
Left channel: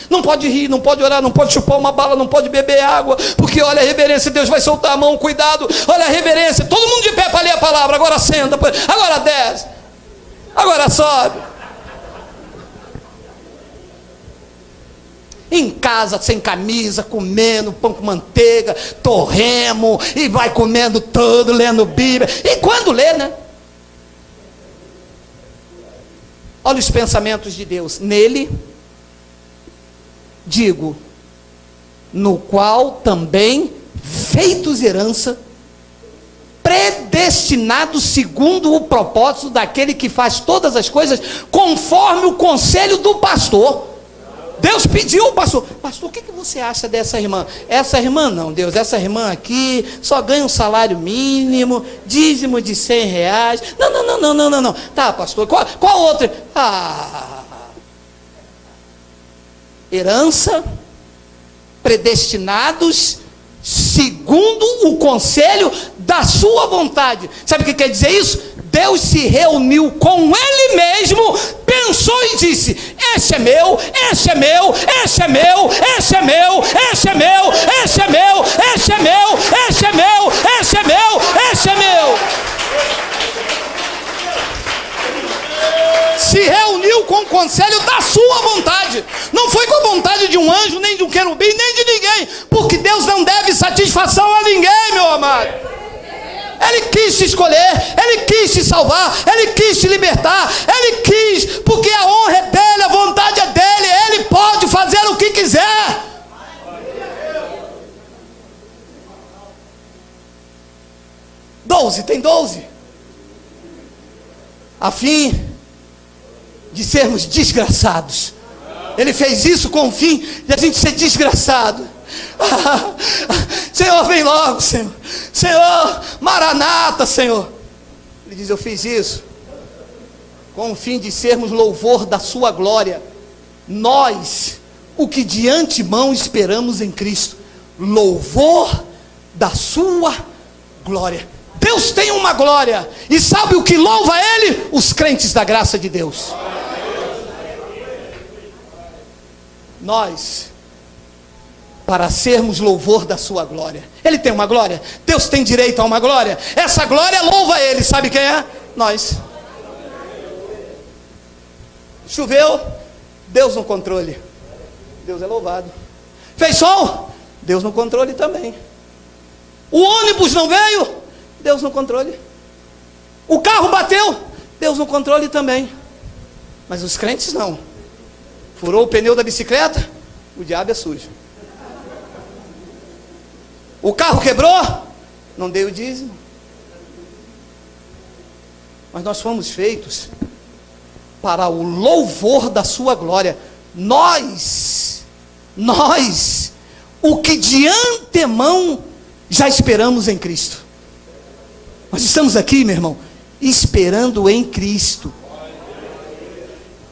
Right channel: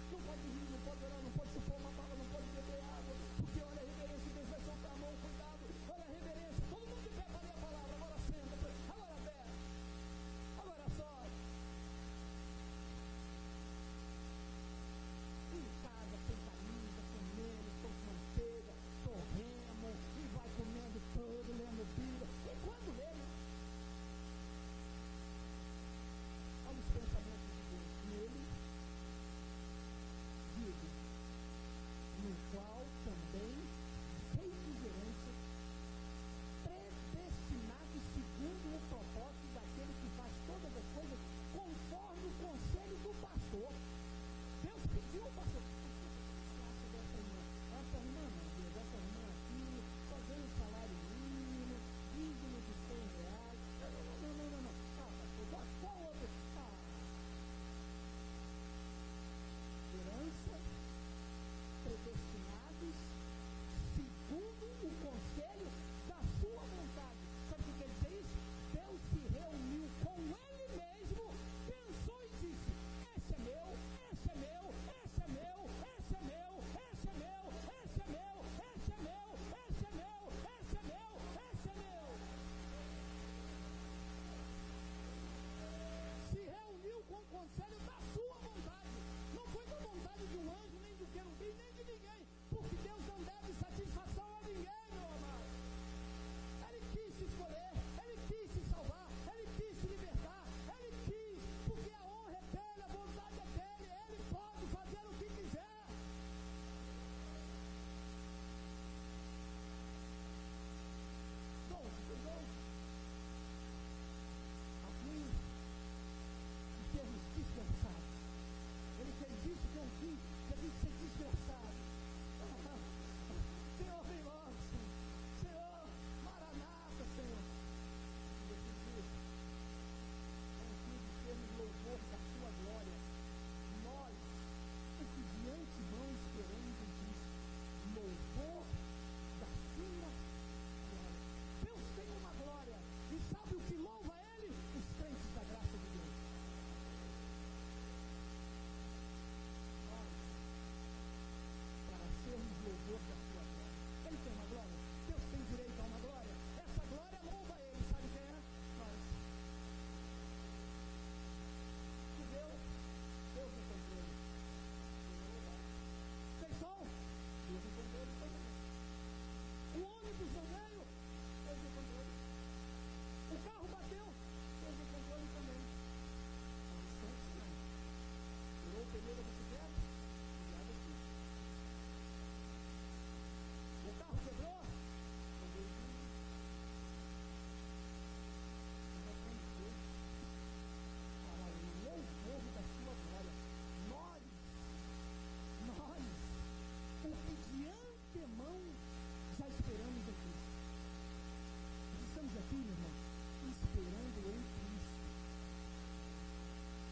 Não pode rir, não pode orar, não pode chupar uma bala, não pode beber água, porque olha a reverência, Deus vai soltar a mão, cuidado, olha a reverência, todo mundo de pé para ler a palavra, agora senta, agora desce, agora sobe. Em casa, sem camisa, comendo pão com manteiga, torremo, e vai comendo todo, lendo Bíblia, e quando lê, né? Olha os pensamentos de Deus, nele, digo, no qual também feitos herança, predestinados segundo o propósito daquele que faz todas as coisas conforme o conselho do pastor. Deus pediu ao pastor: pastor, o que você acha dessa irmã? Essa irmã não, Deus, essa irmã aqui só ganha um salário mínimo, dízimo de R$100. Não. Tá, pastor, qual outra? Herança, predestinados segundo o conselho da sua vontade. Sabe o que quer dizer isso? Deus se reuniu com Ele mesmo, pensou e disse: este é meu, este é meu, este é meu, este é meu, este é meu, este é meu, este é meu, este é meu, este é meu, este é meu. Se reuniu com o conselho da sua vontade. Não foi com a vontade de um anjo, nem de um querubim, nem de ninguém, porque Deus não deve satisfação a ninguém, meu amado. Ele quis te escolher, Ele quis te salvar, Ele quis te libertar, Ele quis, porque a honra é dEle, a vontade é dEle, Ele pode fazer o que quiser. Tem 12. A fim de sermos desgraçados. Ele fez isso com o fim de a gente ser desgraçado. Senhor, vem logo, Senhor. Senhor, Maranata, Senhor. Ele diz: eu fiz isso com o fim de sermos louvor da sua glória. Nós, o que de antemão esperamos em Cristo, louvor da sua glória. Deus tem uma glória, e sabe o que louva Ele? Os crentes da graça de Deus. para sermos louvor da sua glória. Ele tem uma glória, Deus tem direito a uma glória. Essa glória louva Ele, sabe quem é? Nós. Choveu, Deus no controle, Deus é louvado. Fez sol, Deus no controle também. O ônibus não veio, Deus no controle. O carro bateu, Deus no controle também. Mas os crentes não. Furou o pneu da bicicleta, o diabo é sujo. O carro quebrou, não dei o dízimo. Mas nós fomos feitos para o louvor da sua glória. Nós, o que de antemão já esperamos em Cristo. Nós estamos aqui, meu irmão, esperando em Cristo.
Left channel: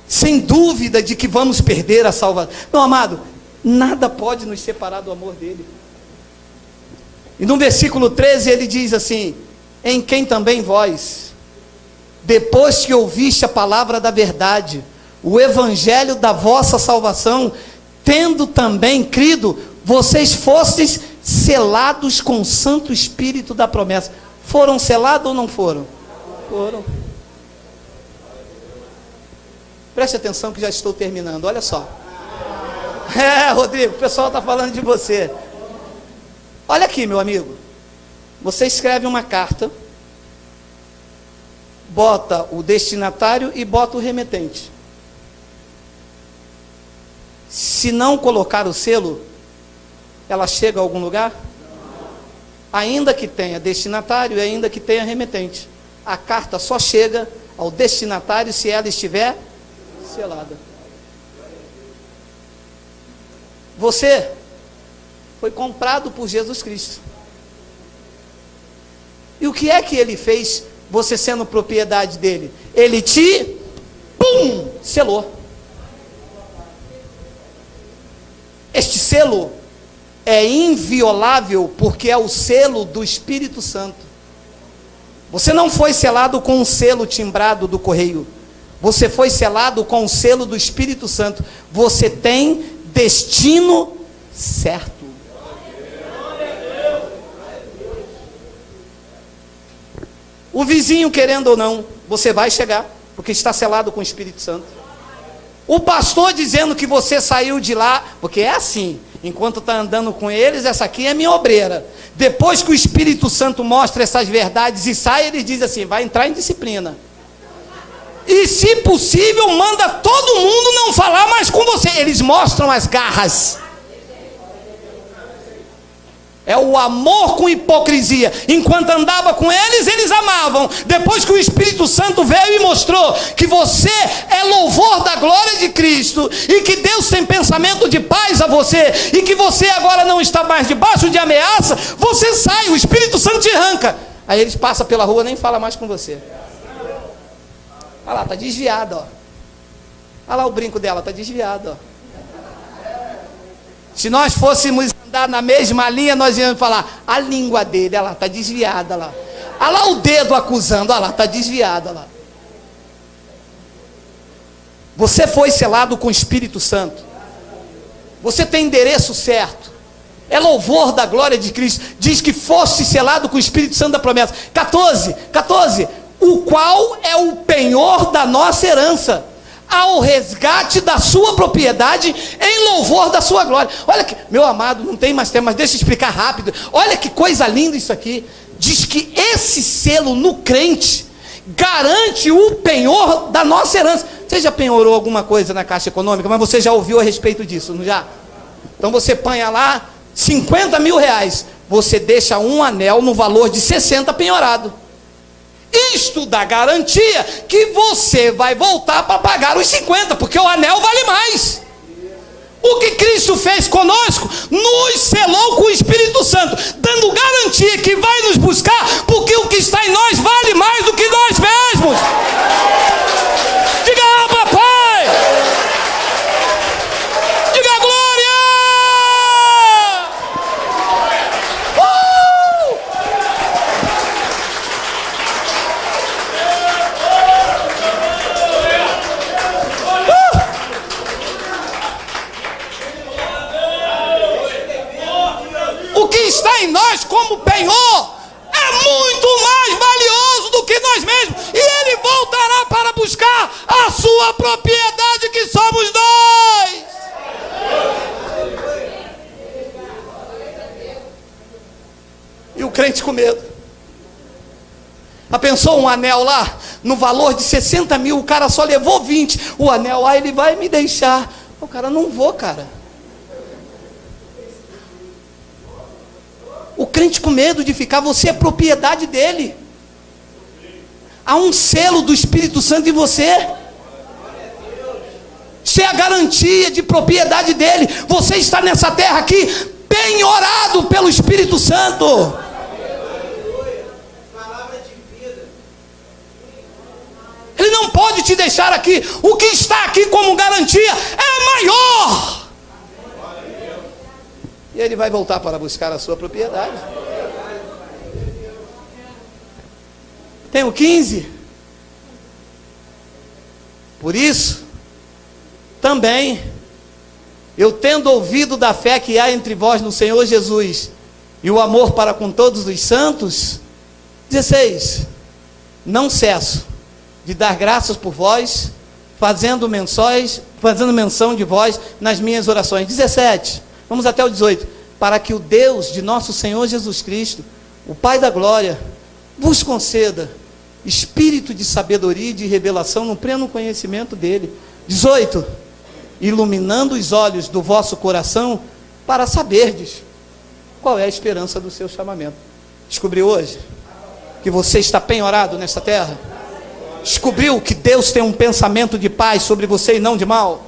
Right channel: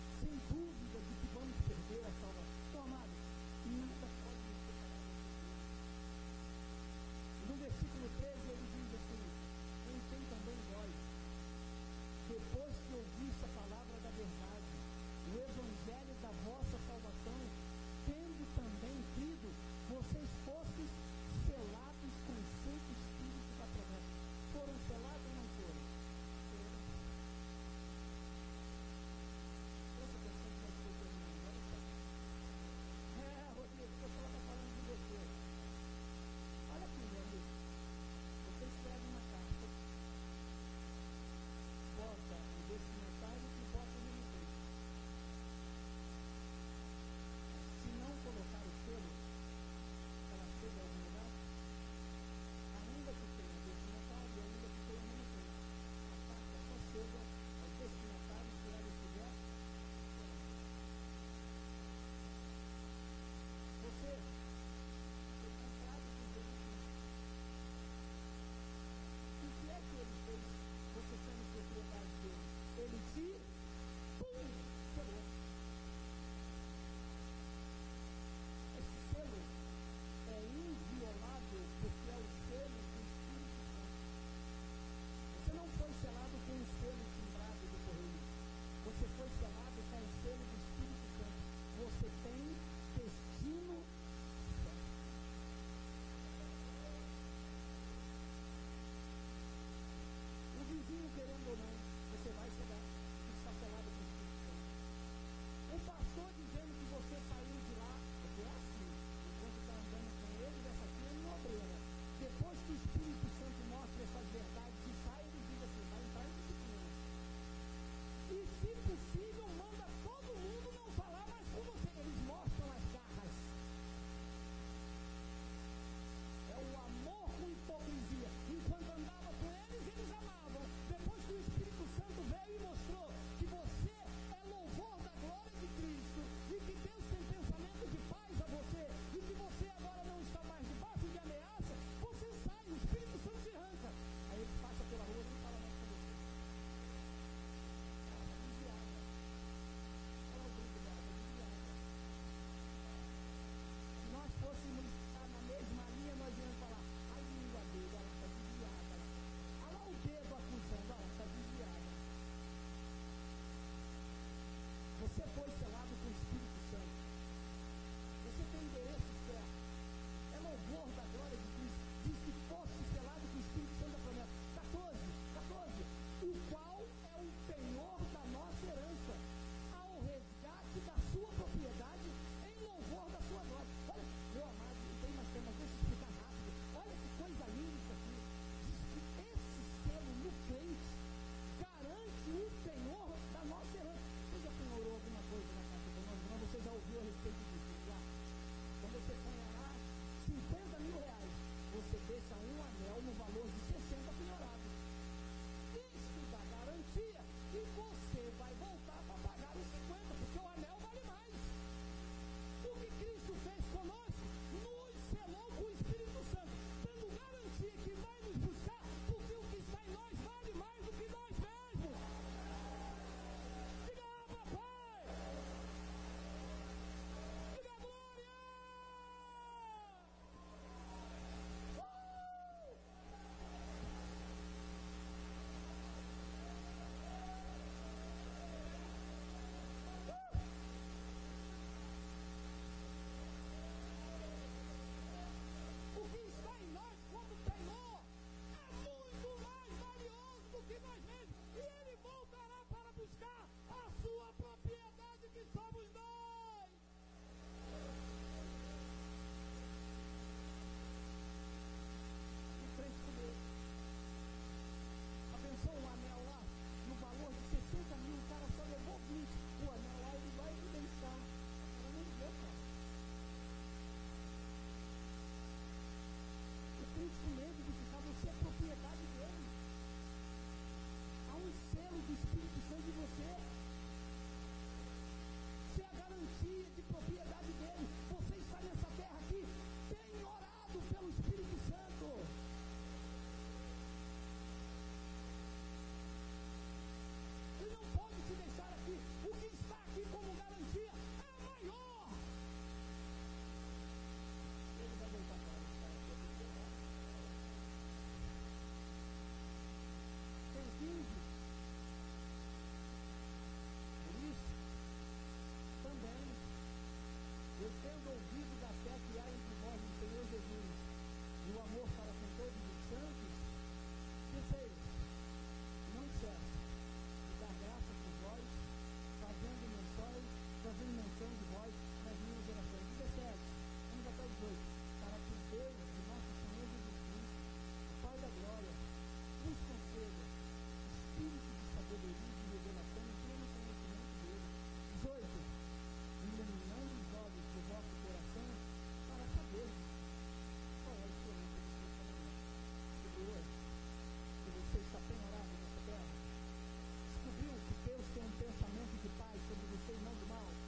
Sem dúvida de que vamos perder a salvação. Meu amado, nada pode nos separar do amor dele. E no versículo 13 ele diz assim: em quem também vós, depois que ouviste a palavra da verdade, o evangelho da vossa salvação, tendo também crido, vocês fostes selados com o Santo Espírito da promessa. Foram selados ou não foram? Foram. Preste atenção que já estou terminando, olha só. Rodrigo, o pessoal está falando de você. Olha aqui, meu amigo. Você escreve uma carta, bota o destinatário e bota o remetente. Se não colocar o selo, ela chega a algum lugar? Ainda que tenha destinatário e ainda que tenha remetente, a carta só chega ao destinatário se ela estiver selada. Você foi comprado por Jesus Cristo. E o que é que ele fez, você sendo propriedade dele? Ele te, selou. Este selo é inviolável porque é o selo do Espírito Santo. Você não foi selado com um selo timbrado do correio. Você foi selado com o selo do Espírito Santo. Você tem destino certo. O vizinho, querendo ou não, você vai chegar, porque está selado com o Espírito Santo. O pastor dizendo que você saiu de lá, porque é assim, enquanto está andando com eles, essa aqui é minha obreira. Depois que o Espírito Santo mostra essas verdades e sai, ele diz assim: vai entrar em disciplina. E se possível, manda todo mundo não falar mais com você. Eles mostram as garras. É o amor com hipocrisia. Enquanto andava com eles, eles amavam. Depois que o Espírito Santo veio e mostrou que você é louvor da glória de Cristo, e que Deus tem pensamento de paz a você, e que você agora não está mais debaixo de ameaça, você sai, o Espírito Santo te arranca. Aí eles passam pela rua, nem fala mais com você. Olha lá, está desviada, ó. Olha lá o brinco dela, está desviado, ó. Se nós fôssemos andar na mesma linha, nós íamos falar: a língua dele, olha lá, está desviada, olha lá. Olha lá o dedo acusando, olha lá, está desviado, olha lá. Você foi selado com o Espírito Santo. Você tem endereço certo. É louvor da glória de Cristo. Diz que fosse selado com o Espírito Santo da promessa. 14, o qual é o penhor da nossa herança, ao resgate da sua propriedade, em louvor da sua glória. Olha que, meu amado, não tem mais tempo, mas deixa eu explicar rápido. Olha que coisa linda isso aqui. Diz que esse selo no crente garante o penhor da nossa herança. Você já penhorou alguma coisa na Caixa Econômica? Mas você já ouviu a respeito disso, não já? Então você põe lá 50 mil reais, você deixa um anel no valor de 60 penhorado. Isto dá garantia que você vai voltar para pagar os 50, porque o anel vale mais. O que Cristo fez conosco, nos selou com o Espírito Santo, dando garantia que vai nos buscar, porque o que está em nós vale mais do que nós mesmos. Diga: ah, papai! Diga: glória! em nós como penhor é muito mais valioso do que nós mesmos, e Ele voltará para buscar a sua propriedade, que somos nós. E o crente com medo. Pensou um anel lá, no valor de 60 mil, o cara só levou 20, o anel, ele vai me deixar. O cara, não vou, cara. O crente com medo de ficar, você é propriedade dele. Há um selo do Espírito Santo em você. Você é a garantia de propriedade dele. Você está nessa terra aqui, penhorado pelo Espírito Santo. Ele não pode te deixar aqui. O que está aqui como garantia é maior. E ele vai voltar para buscar a sua propriedade. Tem o 15. Por isso, também, eu tendo ouvido da fé que há entre vós no Senhor Jesus, e o amor para com todos os santos, 16, não cesso de dar graças por vós, fazendo menção de vós nas minhas orações. 17, vamos até o 18. Para que o Deus de nosso Senhor Jesus Cristo, o Pai da glória, vos conceda espírito de sabedoria e de revelação no pleno conhecimento dele. 18, iluminando os olhos do vosso coração, para saberdes qual é a esperança do seu chamamento. Descobriu hoje que você está penhorado nesta terra? Descobriu que Deus tem um pensamento de paz sobre você e não de mal?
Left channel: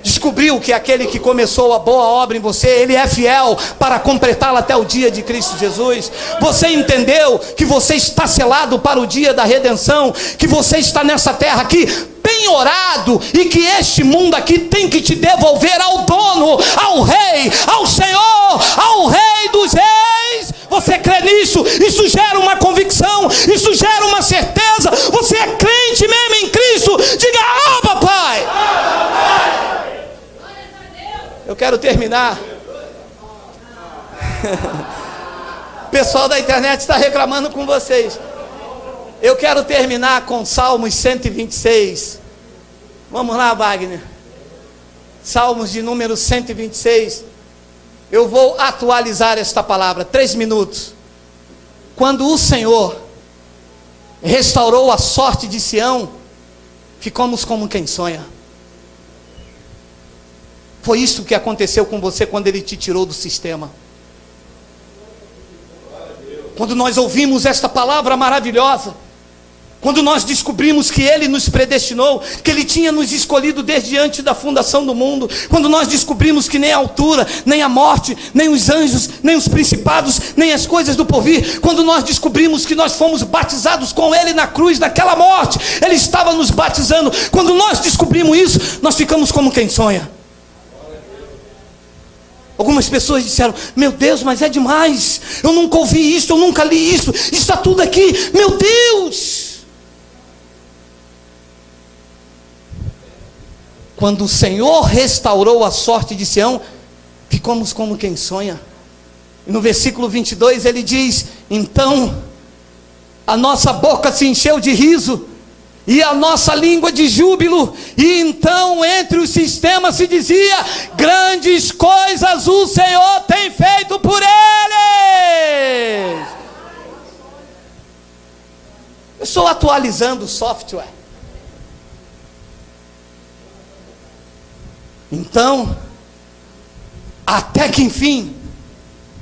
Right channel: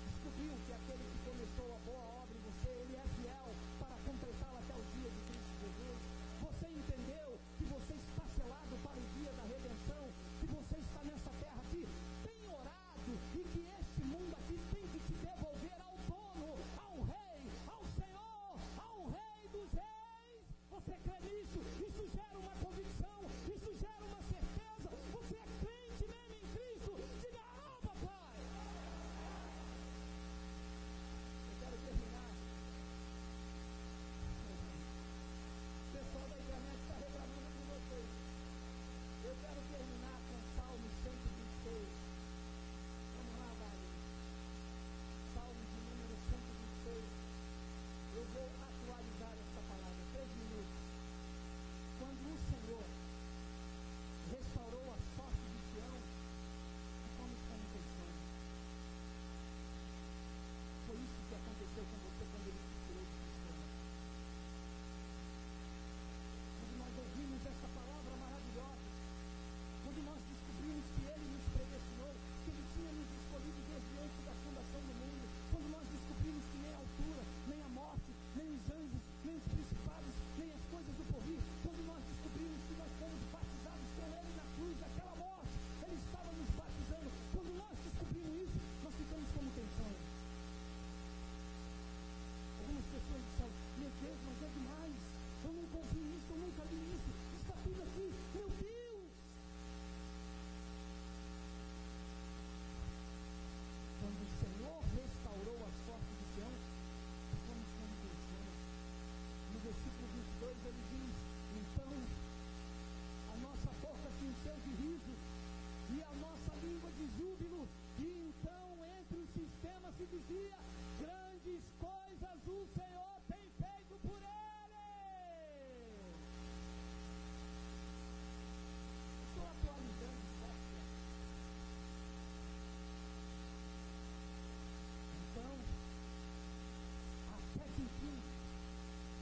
Descobriu que aquele que começou a boa obra em você, Ele é fiel para completá-la até o dia de Cristo Jesus? Você entendeu que você está selado para o dia da redenção, que você está nessa terra aqui penhorado, e que este mundo aqui tem que te devolver ao dono, ao rei, ao Senhor, ao rei dos reis? Você crê nisso? Isso gera uma convicção, isso gera uma certeza. Você é crente mesmo em Cristo? Diga: Abba, Pai. Eu quero terminar. O pessoal da internet está reclamando com vocês. Eu quero terminar com Salmos 126. Vamos lá, Wagner. Salmos de número 126. Eu vou atualizar esta palavra, 3 minutos. Quando o Senhor restaurou a sorte de Sião, ficamos como quem sonha. Foi isso que aconteceu com você quando Ele te tirou do sistema. Quando nós ouvimos esta palavra maravilhosa, quando nós descobrimos que Ele nos predestinou, que Ele tinha nos escolhido desde antes da fundação do mundo, quando nós descobrimos que nem a altura, nem a morte, nem os anjos, nem os principados, nem as coisas do porvir, quando nós descobrimos que nós fomos batizados com Ele na cruz, naquela morte, Ele estava nos batizando. Quando nós descobrimos isso, nós ficamos como quem sonha. Algumas pessoas disseram: meu Deus, mas é demais, eu nunca ouvi isso, eu nunca li isso, está tudo aqui, meu Deus. Quando o Senhor restaurou a sorte de Sião, ficamos como quem sonha. E no versículo 22 ele diz: então a nossa boca se encheu de riso, e a nossa língua de júbilo, e então entre os sistemas se dizia: grandes coisas o Senhor tem feito por eles. Eu estou atualizando o software. Então, até que enfim,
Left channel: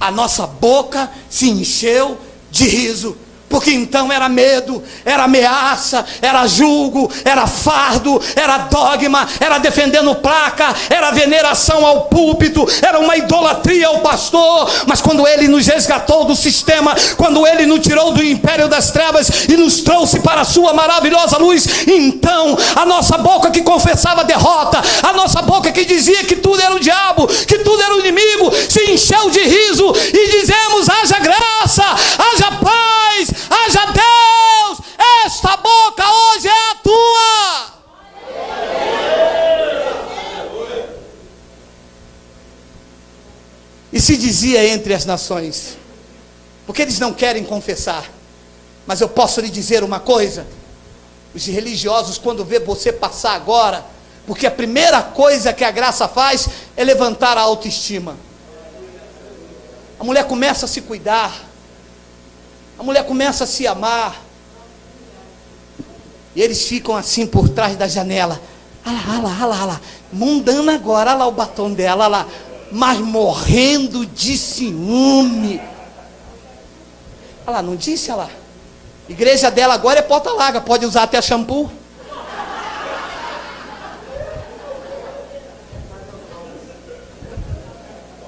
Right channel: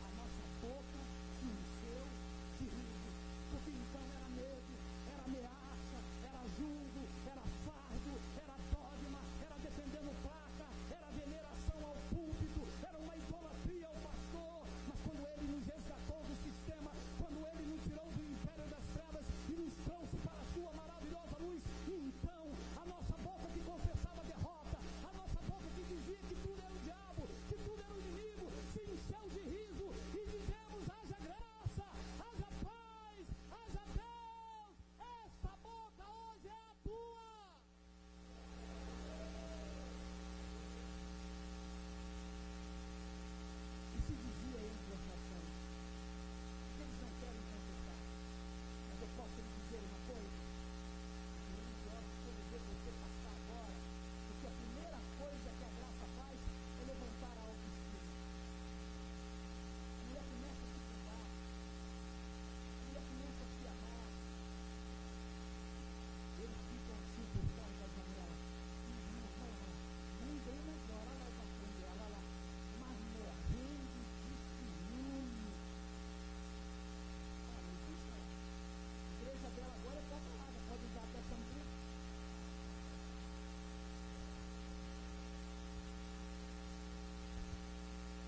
a nossa boca se encheu de riso. Porque então era medo, era ameaça, era julgo, era fardo, era dogma, era defendendo placa, era veneração ao púlpito, era uma idolatria ao pastor. Mas quando Ele nos resgatou do sistema, quando Ele nos tirou do império das trevas e nos trouxe para a sua maravilhosa luz, então a nossa boca que confessava derrota, a nossa boca que dizia que tudo era o diabo, que tudo era o inimigo, se encheu de riso, e dizemos: haja graça, haja paz, haja Deus. Esta boca hoje é a tua. E se dizia entre as nações: porque eles não querem confessar. Mas eu posso lhe dizer uma coisa: os religiosos, quando vê você passar agora, porque a primeira coisa que a graça faz é levantar a autoestima. A mulher começa a se cuidar, a mulher começa a se amar, e eles ficam assim por trás da janela. Olha lá, mundana agora, olha lá o batom dela, olha lá, mas morrendo de ciúme. Olha lá, não disse, olha lá. Igreja dela agora é porta larga, pode usar até shampoo.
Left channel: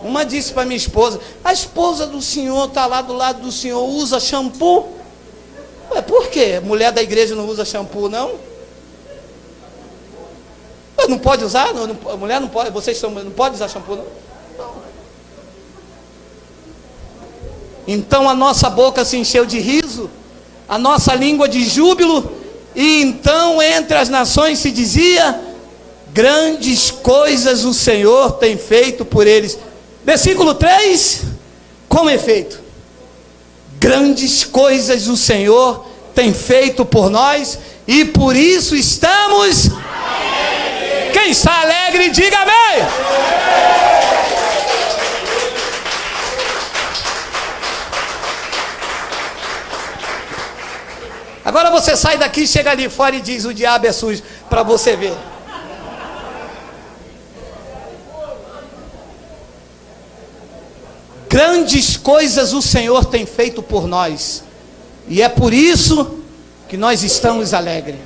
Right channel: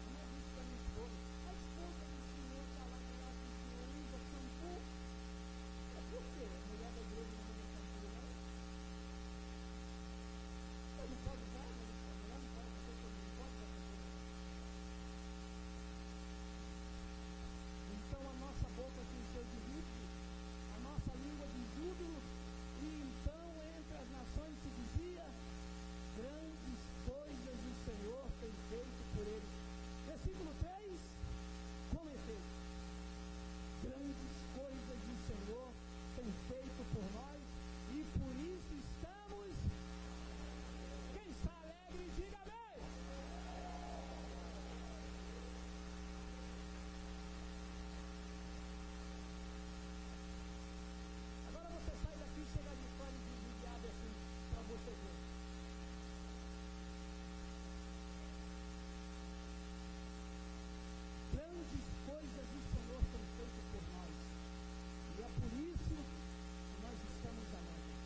Uma disse para minha esposa: a esposa do senhor está lá do lado do senhor, usa shampoo? Ué, por quê? Mulher da igreja não usa shampoo, não? Ué, não pode usar? A mulher não pode, não pode usar shampoo, não? Então a nossa boca se encheu de riso, a nossa língua de júbilo, e então entre as nações se dizia: grandes coisas o Senhor tem feito por eles. Versículo 3, com efeito, grandes coisas o Senhor tem feito por nós, e por isso estamos alegres. Quem está alegre, diga amém. Agora você sai daqui, chega ali fora e diz: o diabo é sujo, para você ver. Grandes coisas o Senhor tem feito por nós, e é por isso que nós estamos alegres.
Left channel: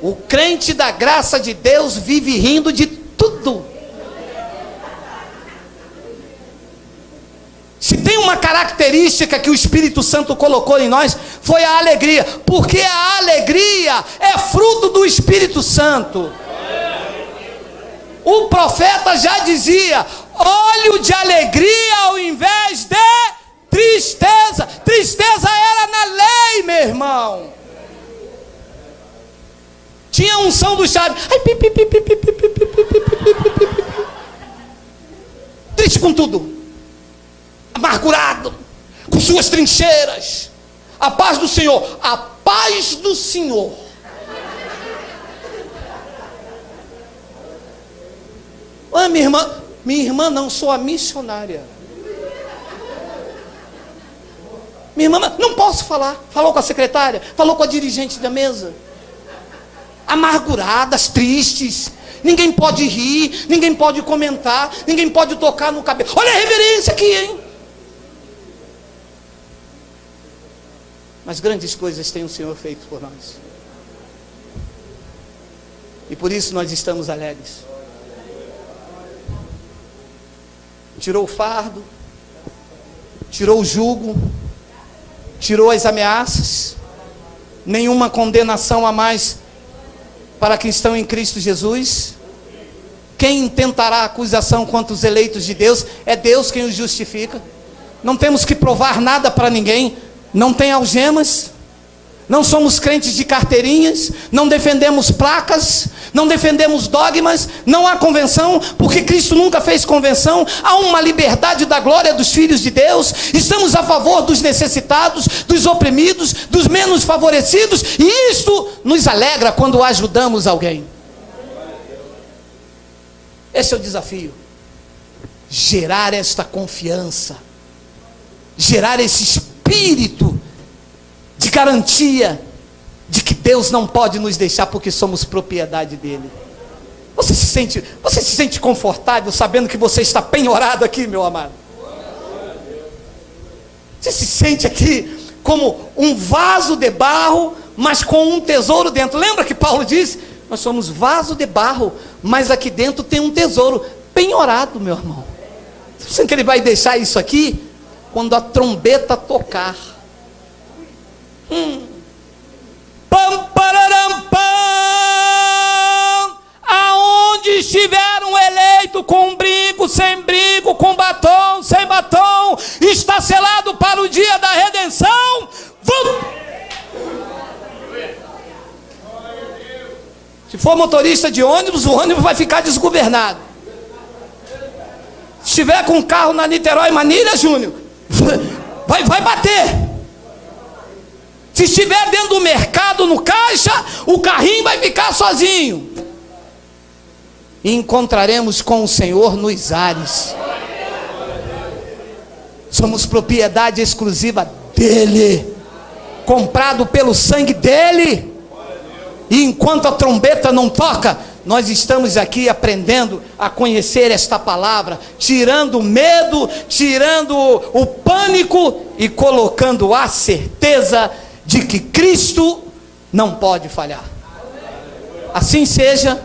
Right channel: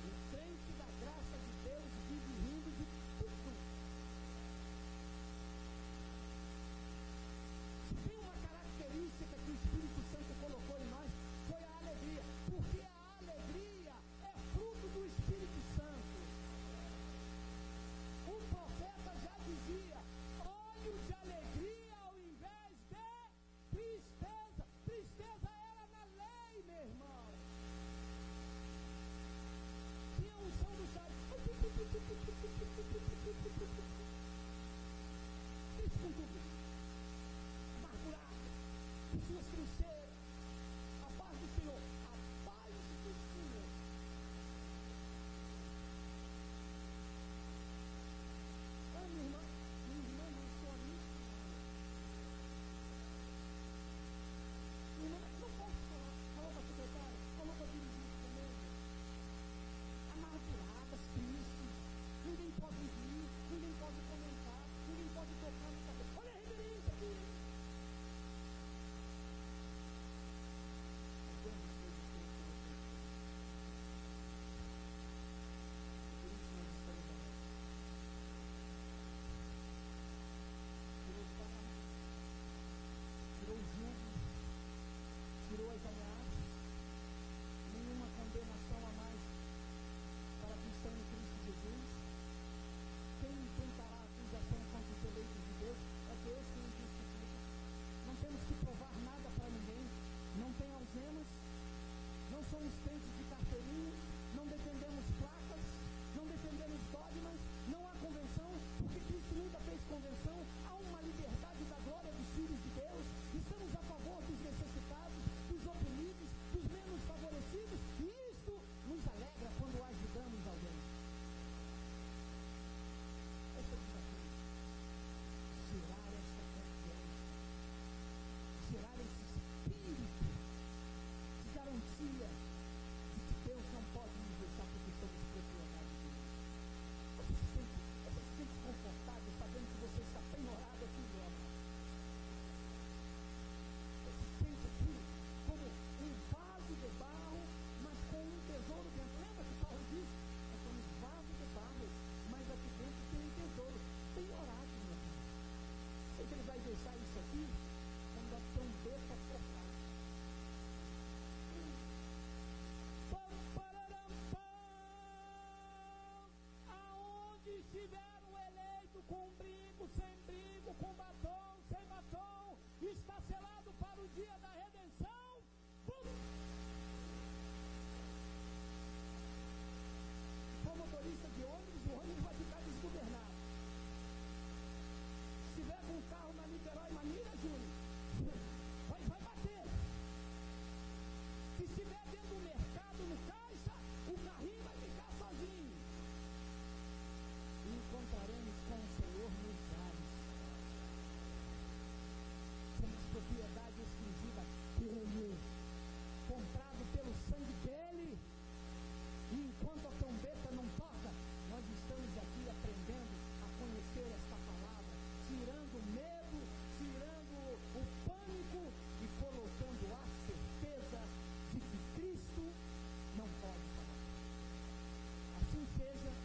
O crente da graça de Deus vive rindo de tudo. Se tem uma característica que o Espírito Santo colocou em nós, foi a alegria, porque a alegria é fruto do Espírito Santo. O profeta já dizia: óleo de alegria ao invés de tristeza. Tristeza era na lei, meu irmão. Tinha a unção do chave. Triste com tudo, amargurado, com suas trincheiras. A paz do Senhor, a paz do Senhor. Ah, minha irmã não, sou a missionária. Minha irmã, não posso falar. Falou com a secretária, falou com a dirigente da mesa. Amarguradas, tristes. Ninguém pode rir, ninguém pode comentar, ninguém pode tocar no cabelo. Olha a reverência aqui, hein? Mas grandes coisas tem o Senhor feito por nós. E por isso nós estamos alegres. Tirou o fardo, tirou o jugo, tirou as ameaças, nenhuma condenação a mais para quem estão em Cristo Jesus. Quem intentará acusação contra os eleitos de Deus? É Deus quem os justifica. Não temos que provar nada para ninguém, não tem algemas, não somos crentes de carteirinhas, não defendemos placas, não defendemos dogmas, não há convenção, porque Cristo nunca fez convenção. Há uma liberdade da glória dos filhos de Deus, estamos a favor dos necessitados, dos oprimidos, dos menos favorecidos, e isto nos alegra quando ajudamos alguém. Esse é o desafio, gerar esta confiança, gerar esse espírito de garantia de que Deus não pode nos deixar porque somos propriedade dele. Você se sente confortável sabendo que você está penhorado aqui, meu amado? Você se sente aqui como um vaso de barro, mas com um tesouro dentro. Lembra que Paulo disse: nós somos vaso de barro, mas aqui dentro tem um tesouro penhorado, meu irmão. Você sabe que ele vai deixar isso aqui quando a trombeta tocar. Pam, pararam, pam. Aonde estiver um eleito, com brinco, sem brinco, com batom, sem batom, está selado para o dia da redenção. Se for motorista de ônibus, o ônibus vai ficar desgovernado. Se estiver com um carro na Niterói Manilha, Júnior, Vai bater. Se estiver dentro do mercado, no caixa, o carrinho vai ficar sozinho. E encontraremos com o Senhor nos ares. Somos propriedade exclusiva dele, comprado pelo sangue dele. E enquanto a trombeta não toca, nós estamos aqui aprendendo a conhecer esta palavra, tirando o medo, tirando o pânico e colocando a certeza de que Cristo não pode falhar. Assim seja,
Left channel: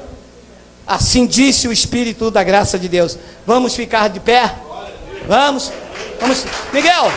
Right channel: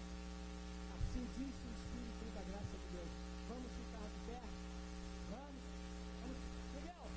assim disse o Espírito da graça de Deus. Vamos ficar de pé? Vamos. Miguel!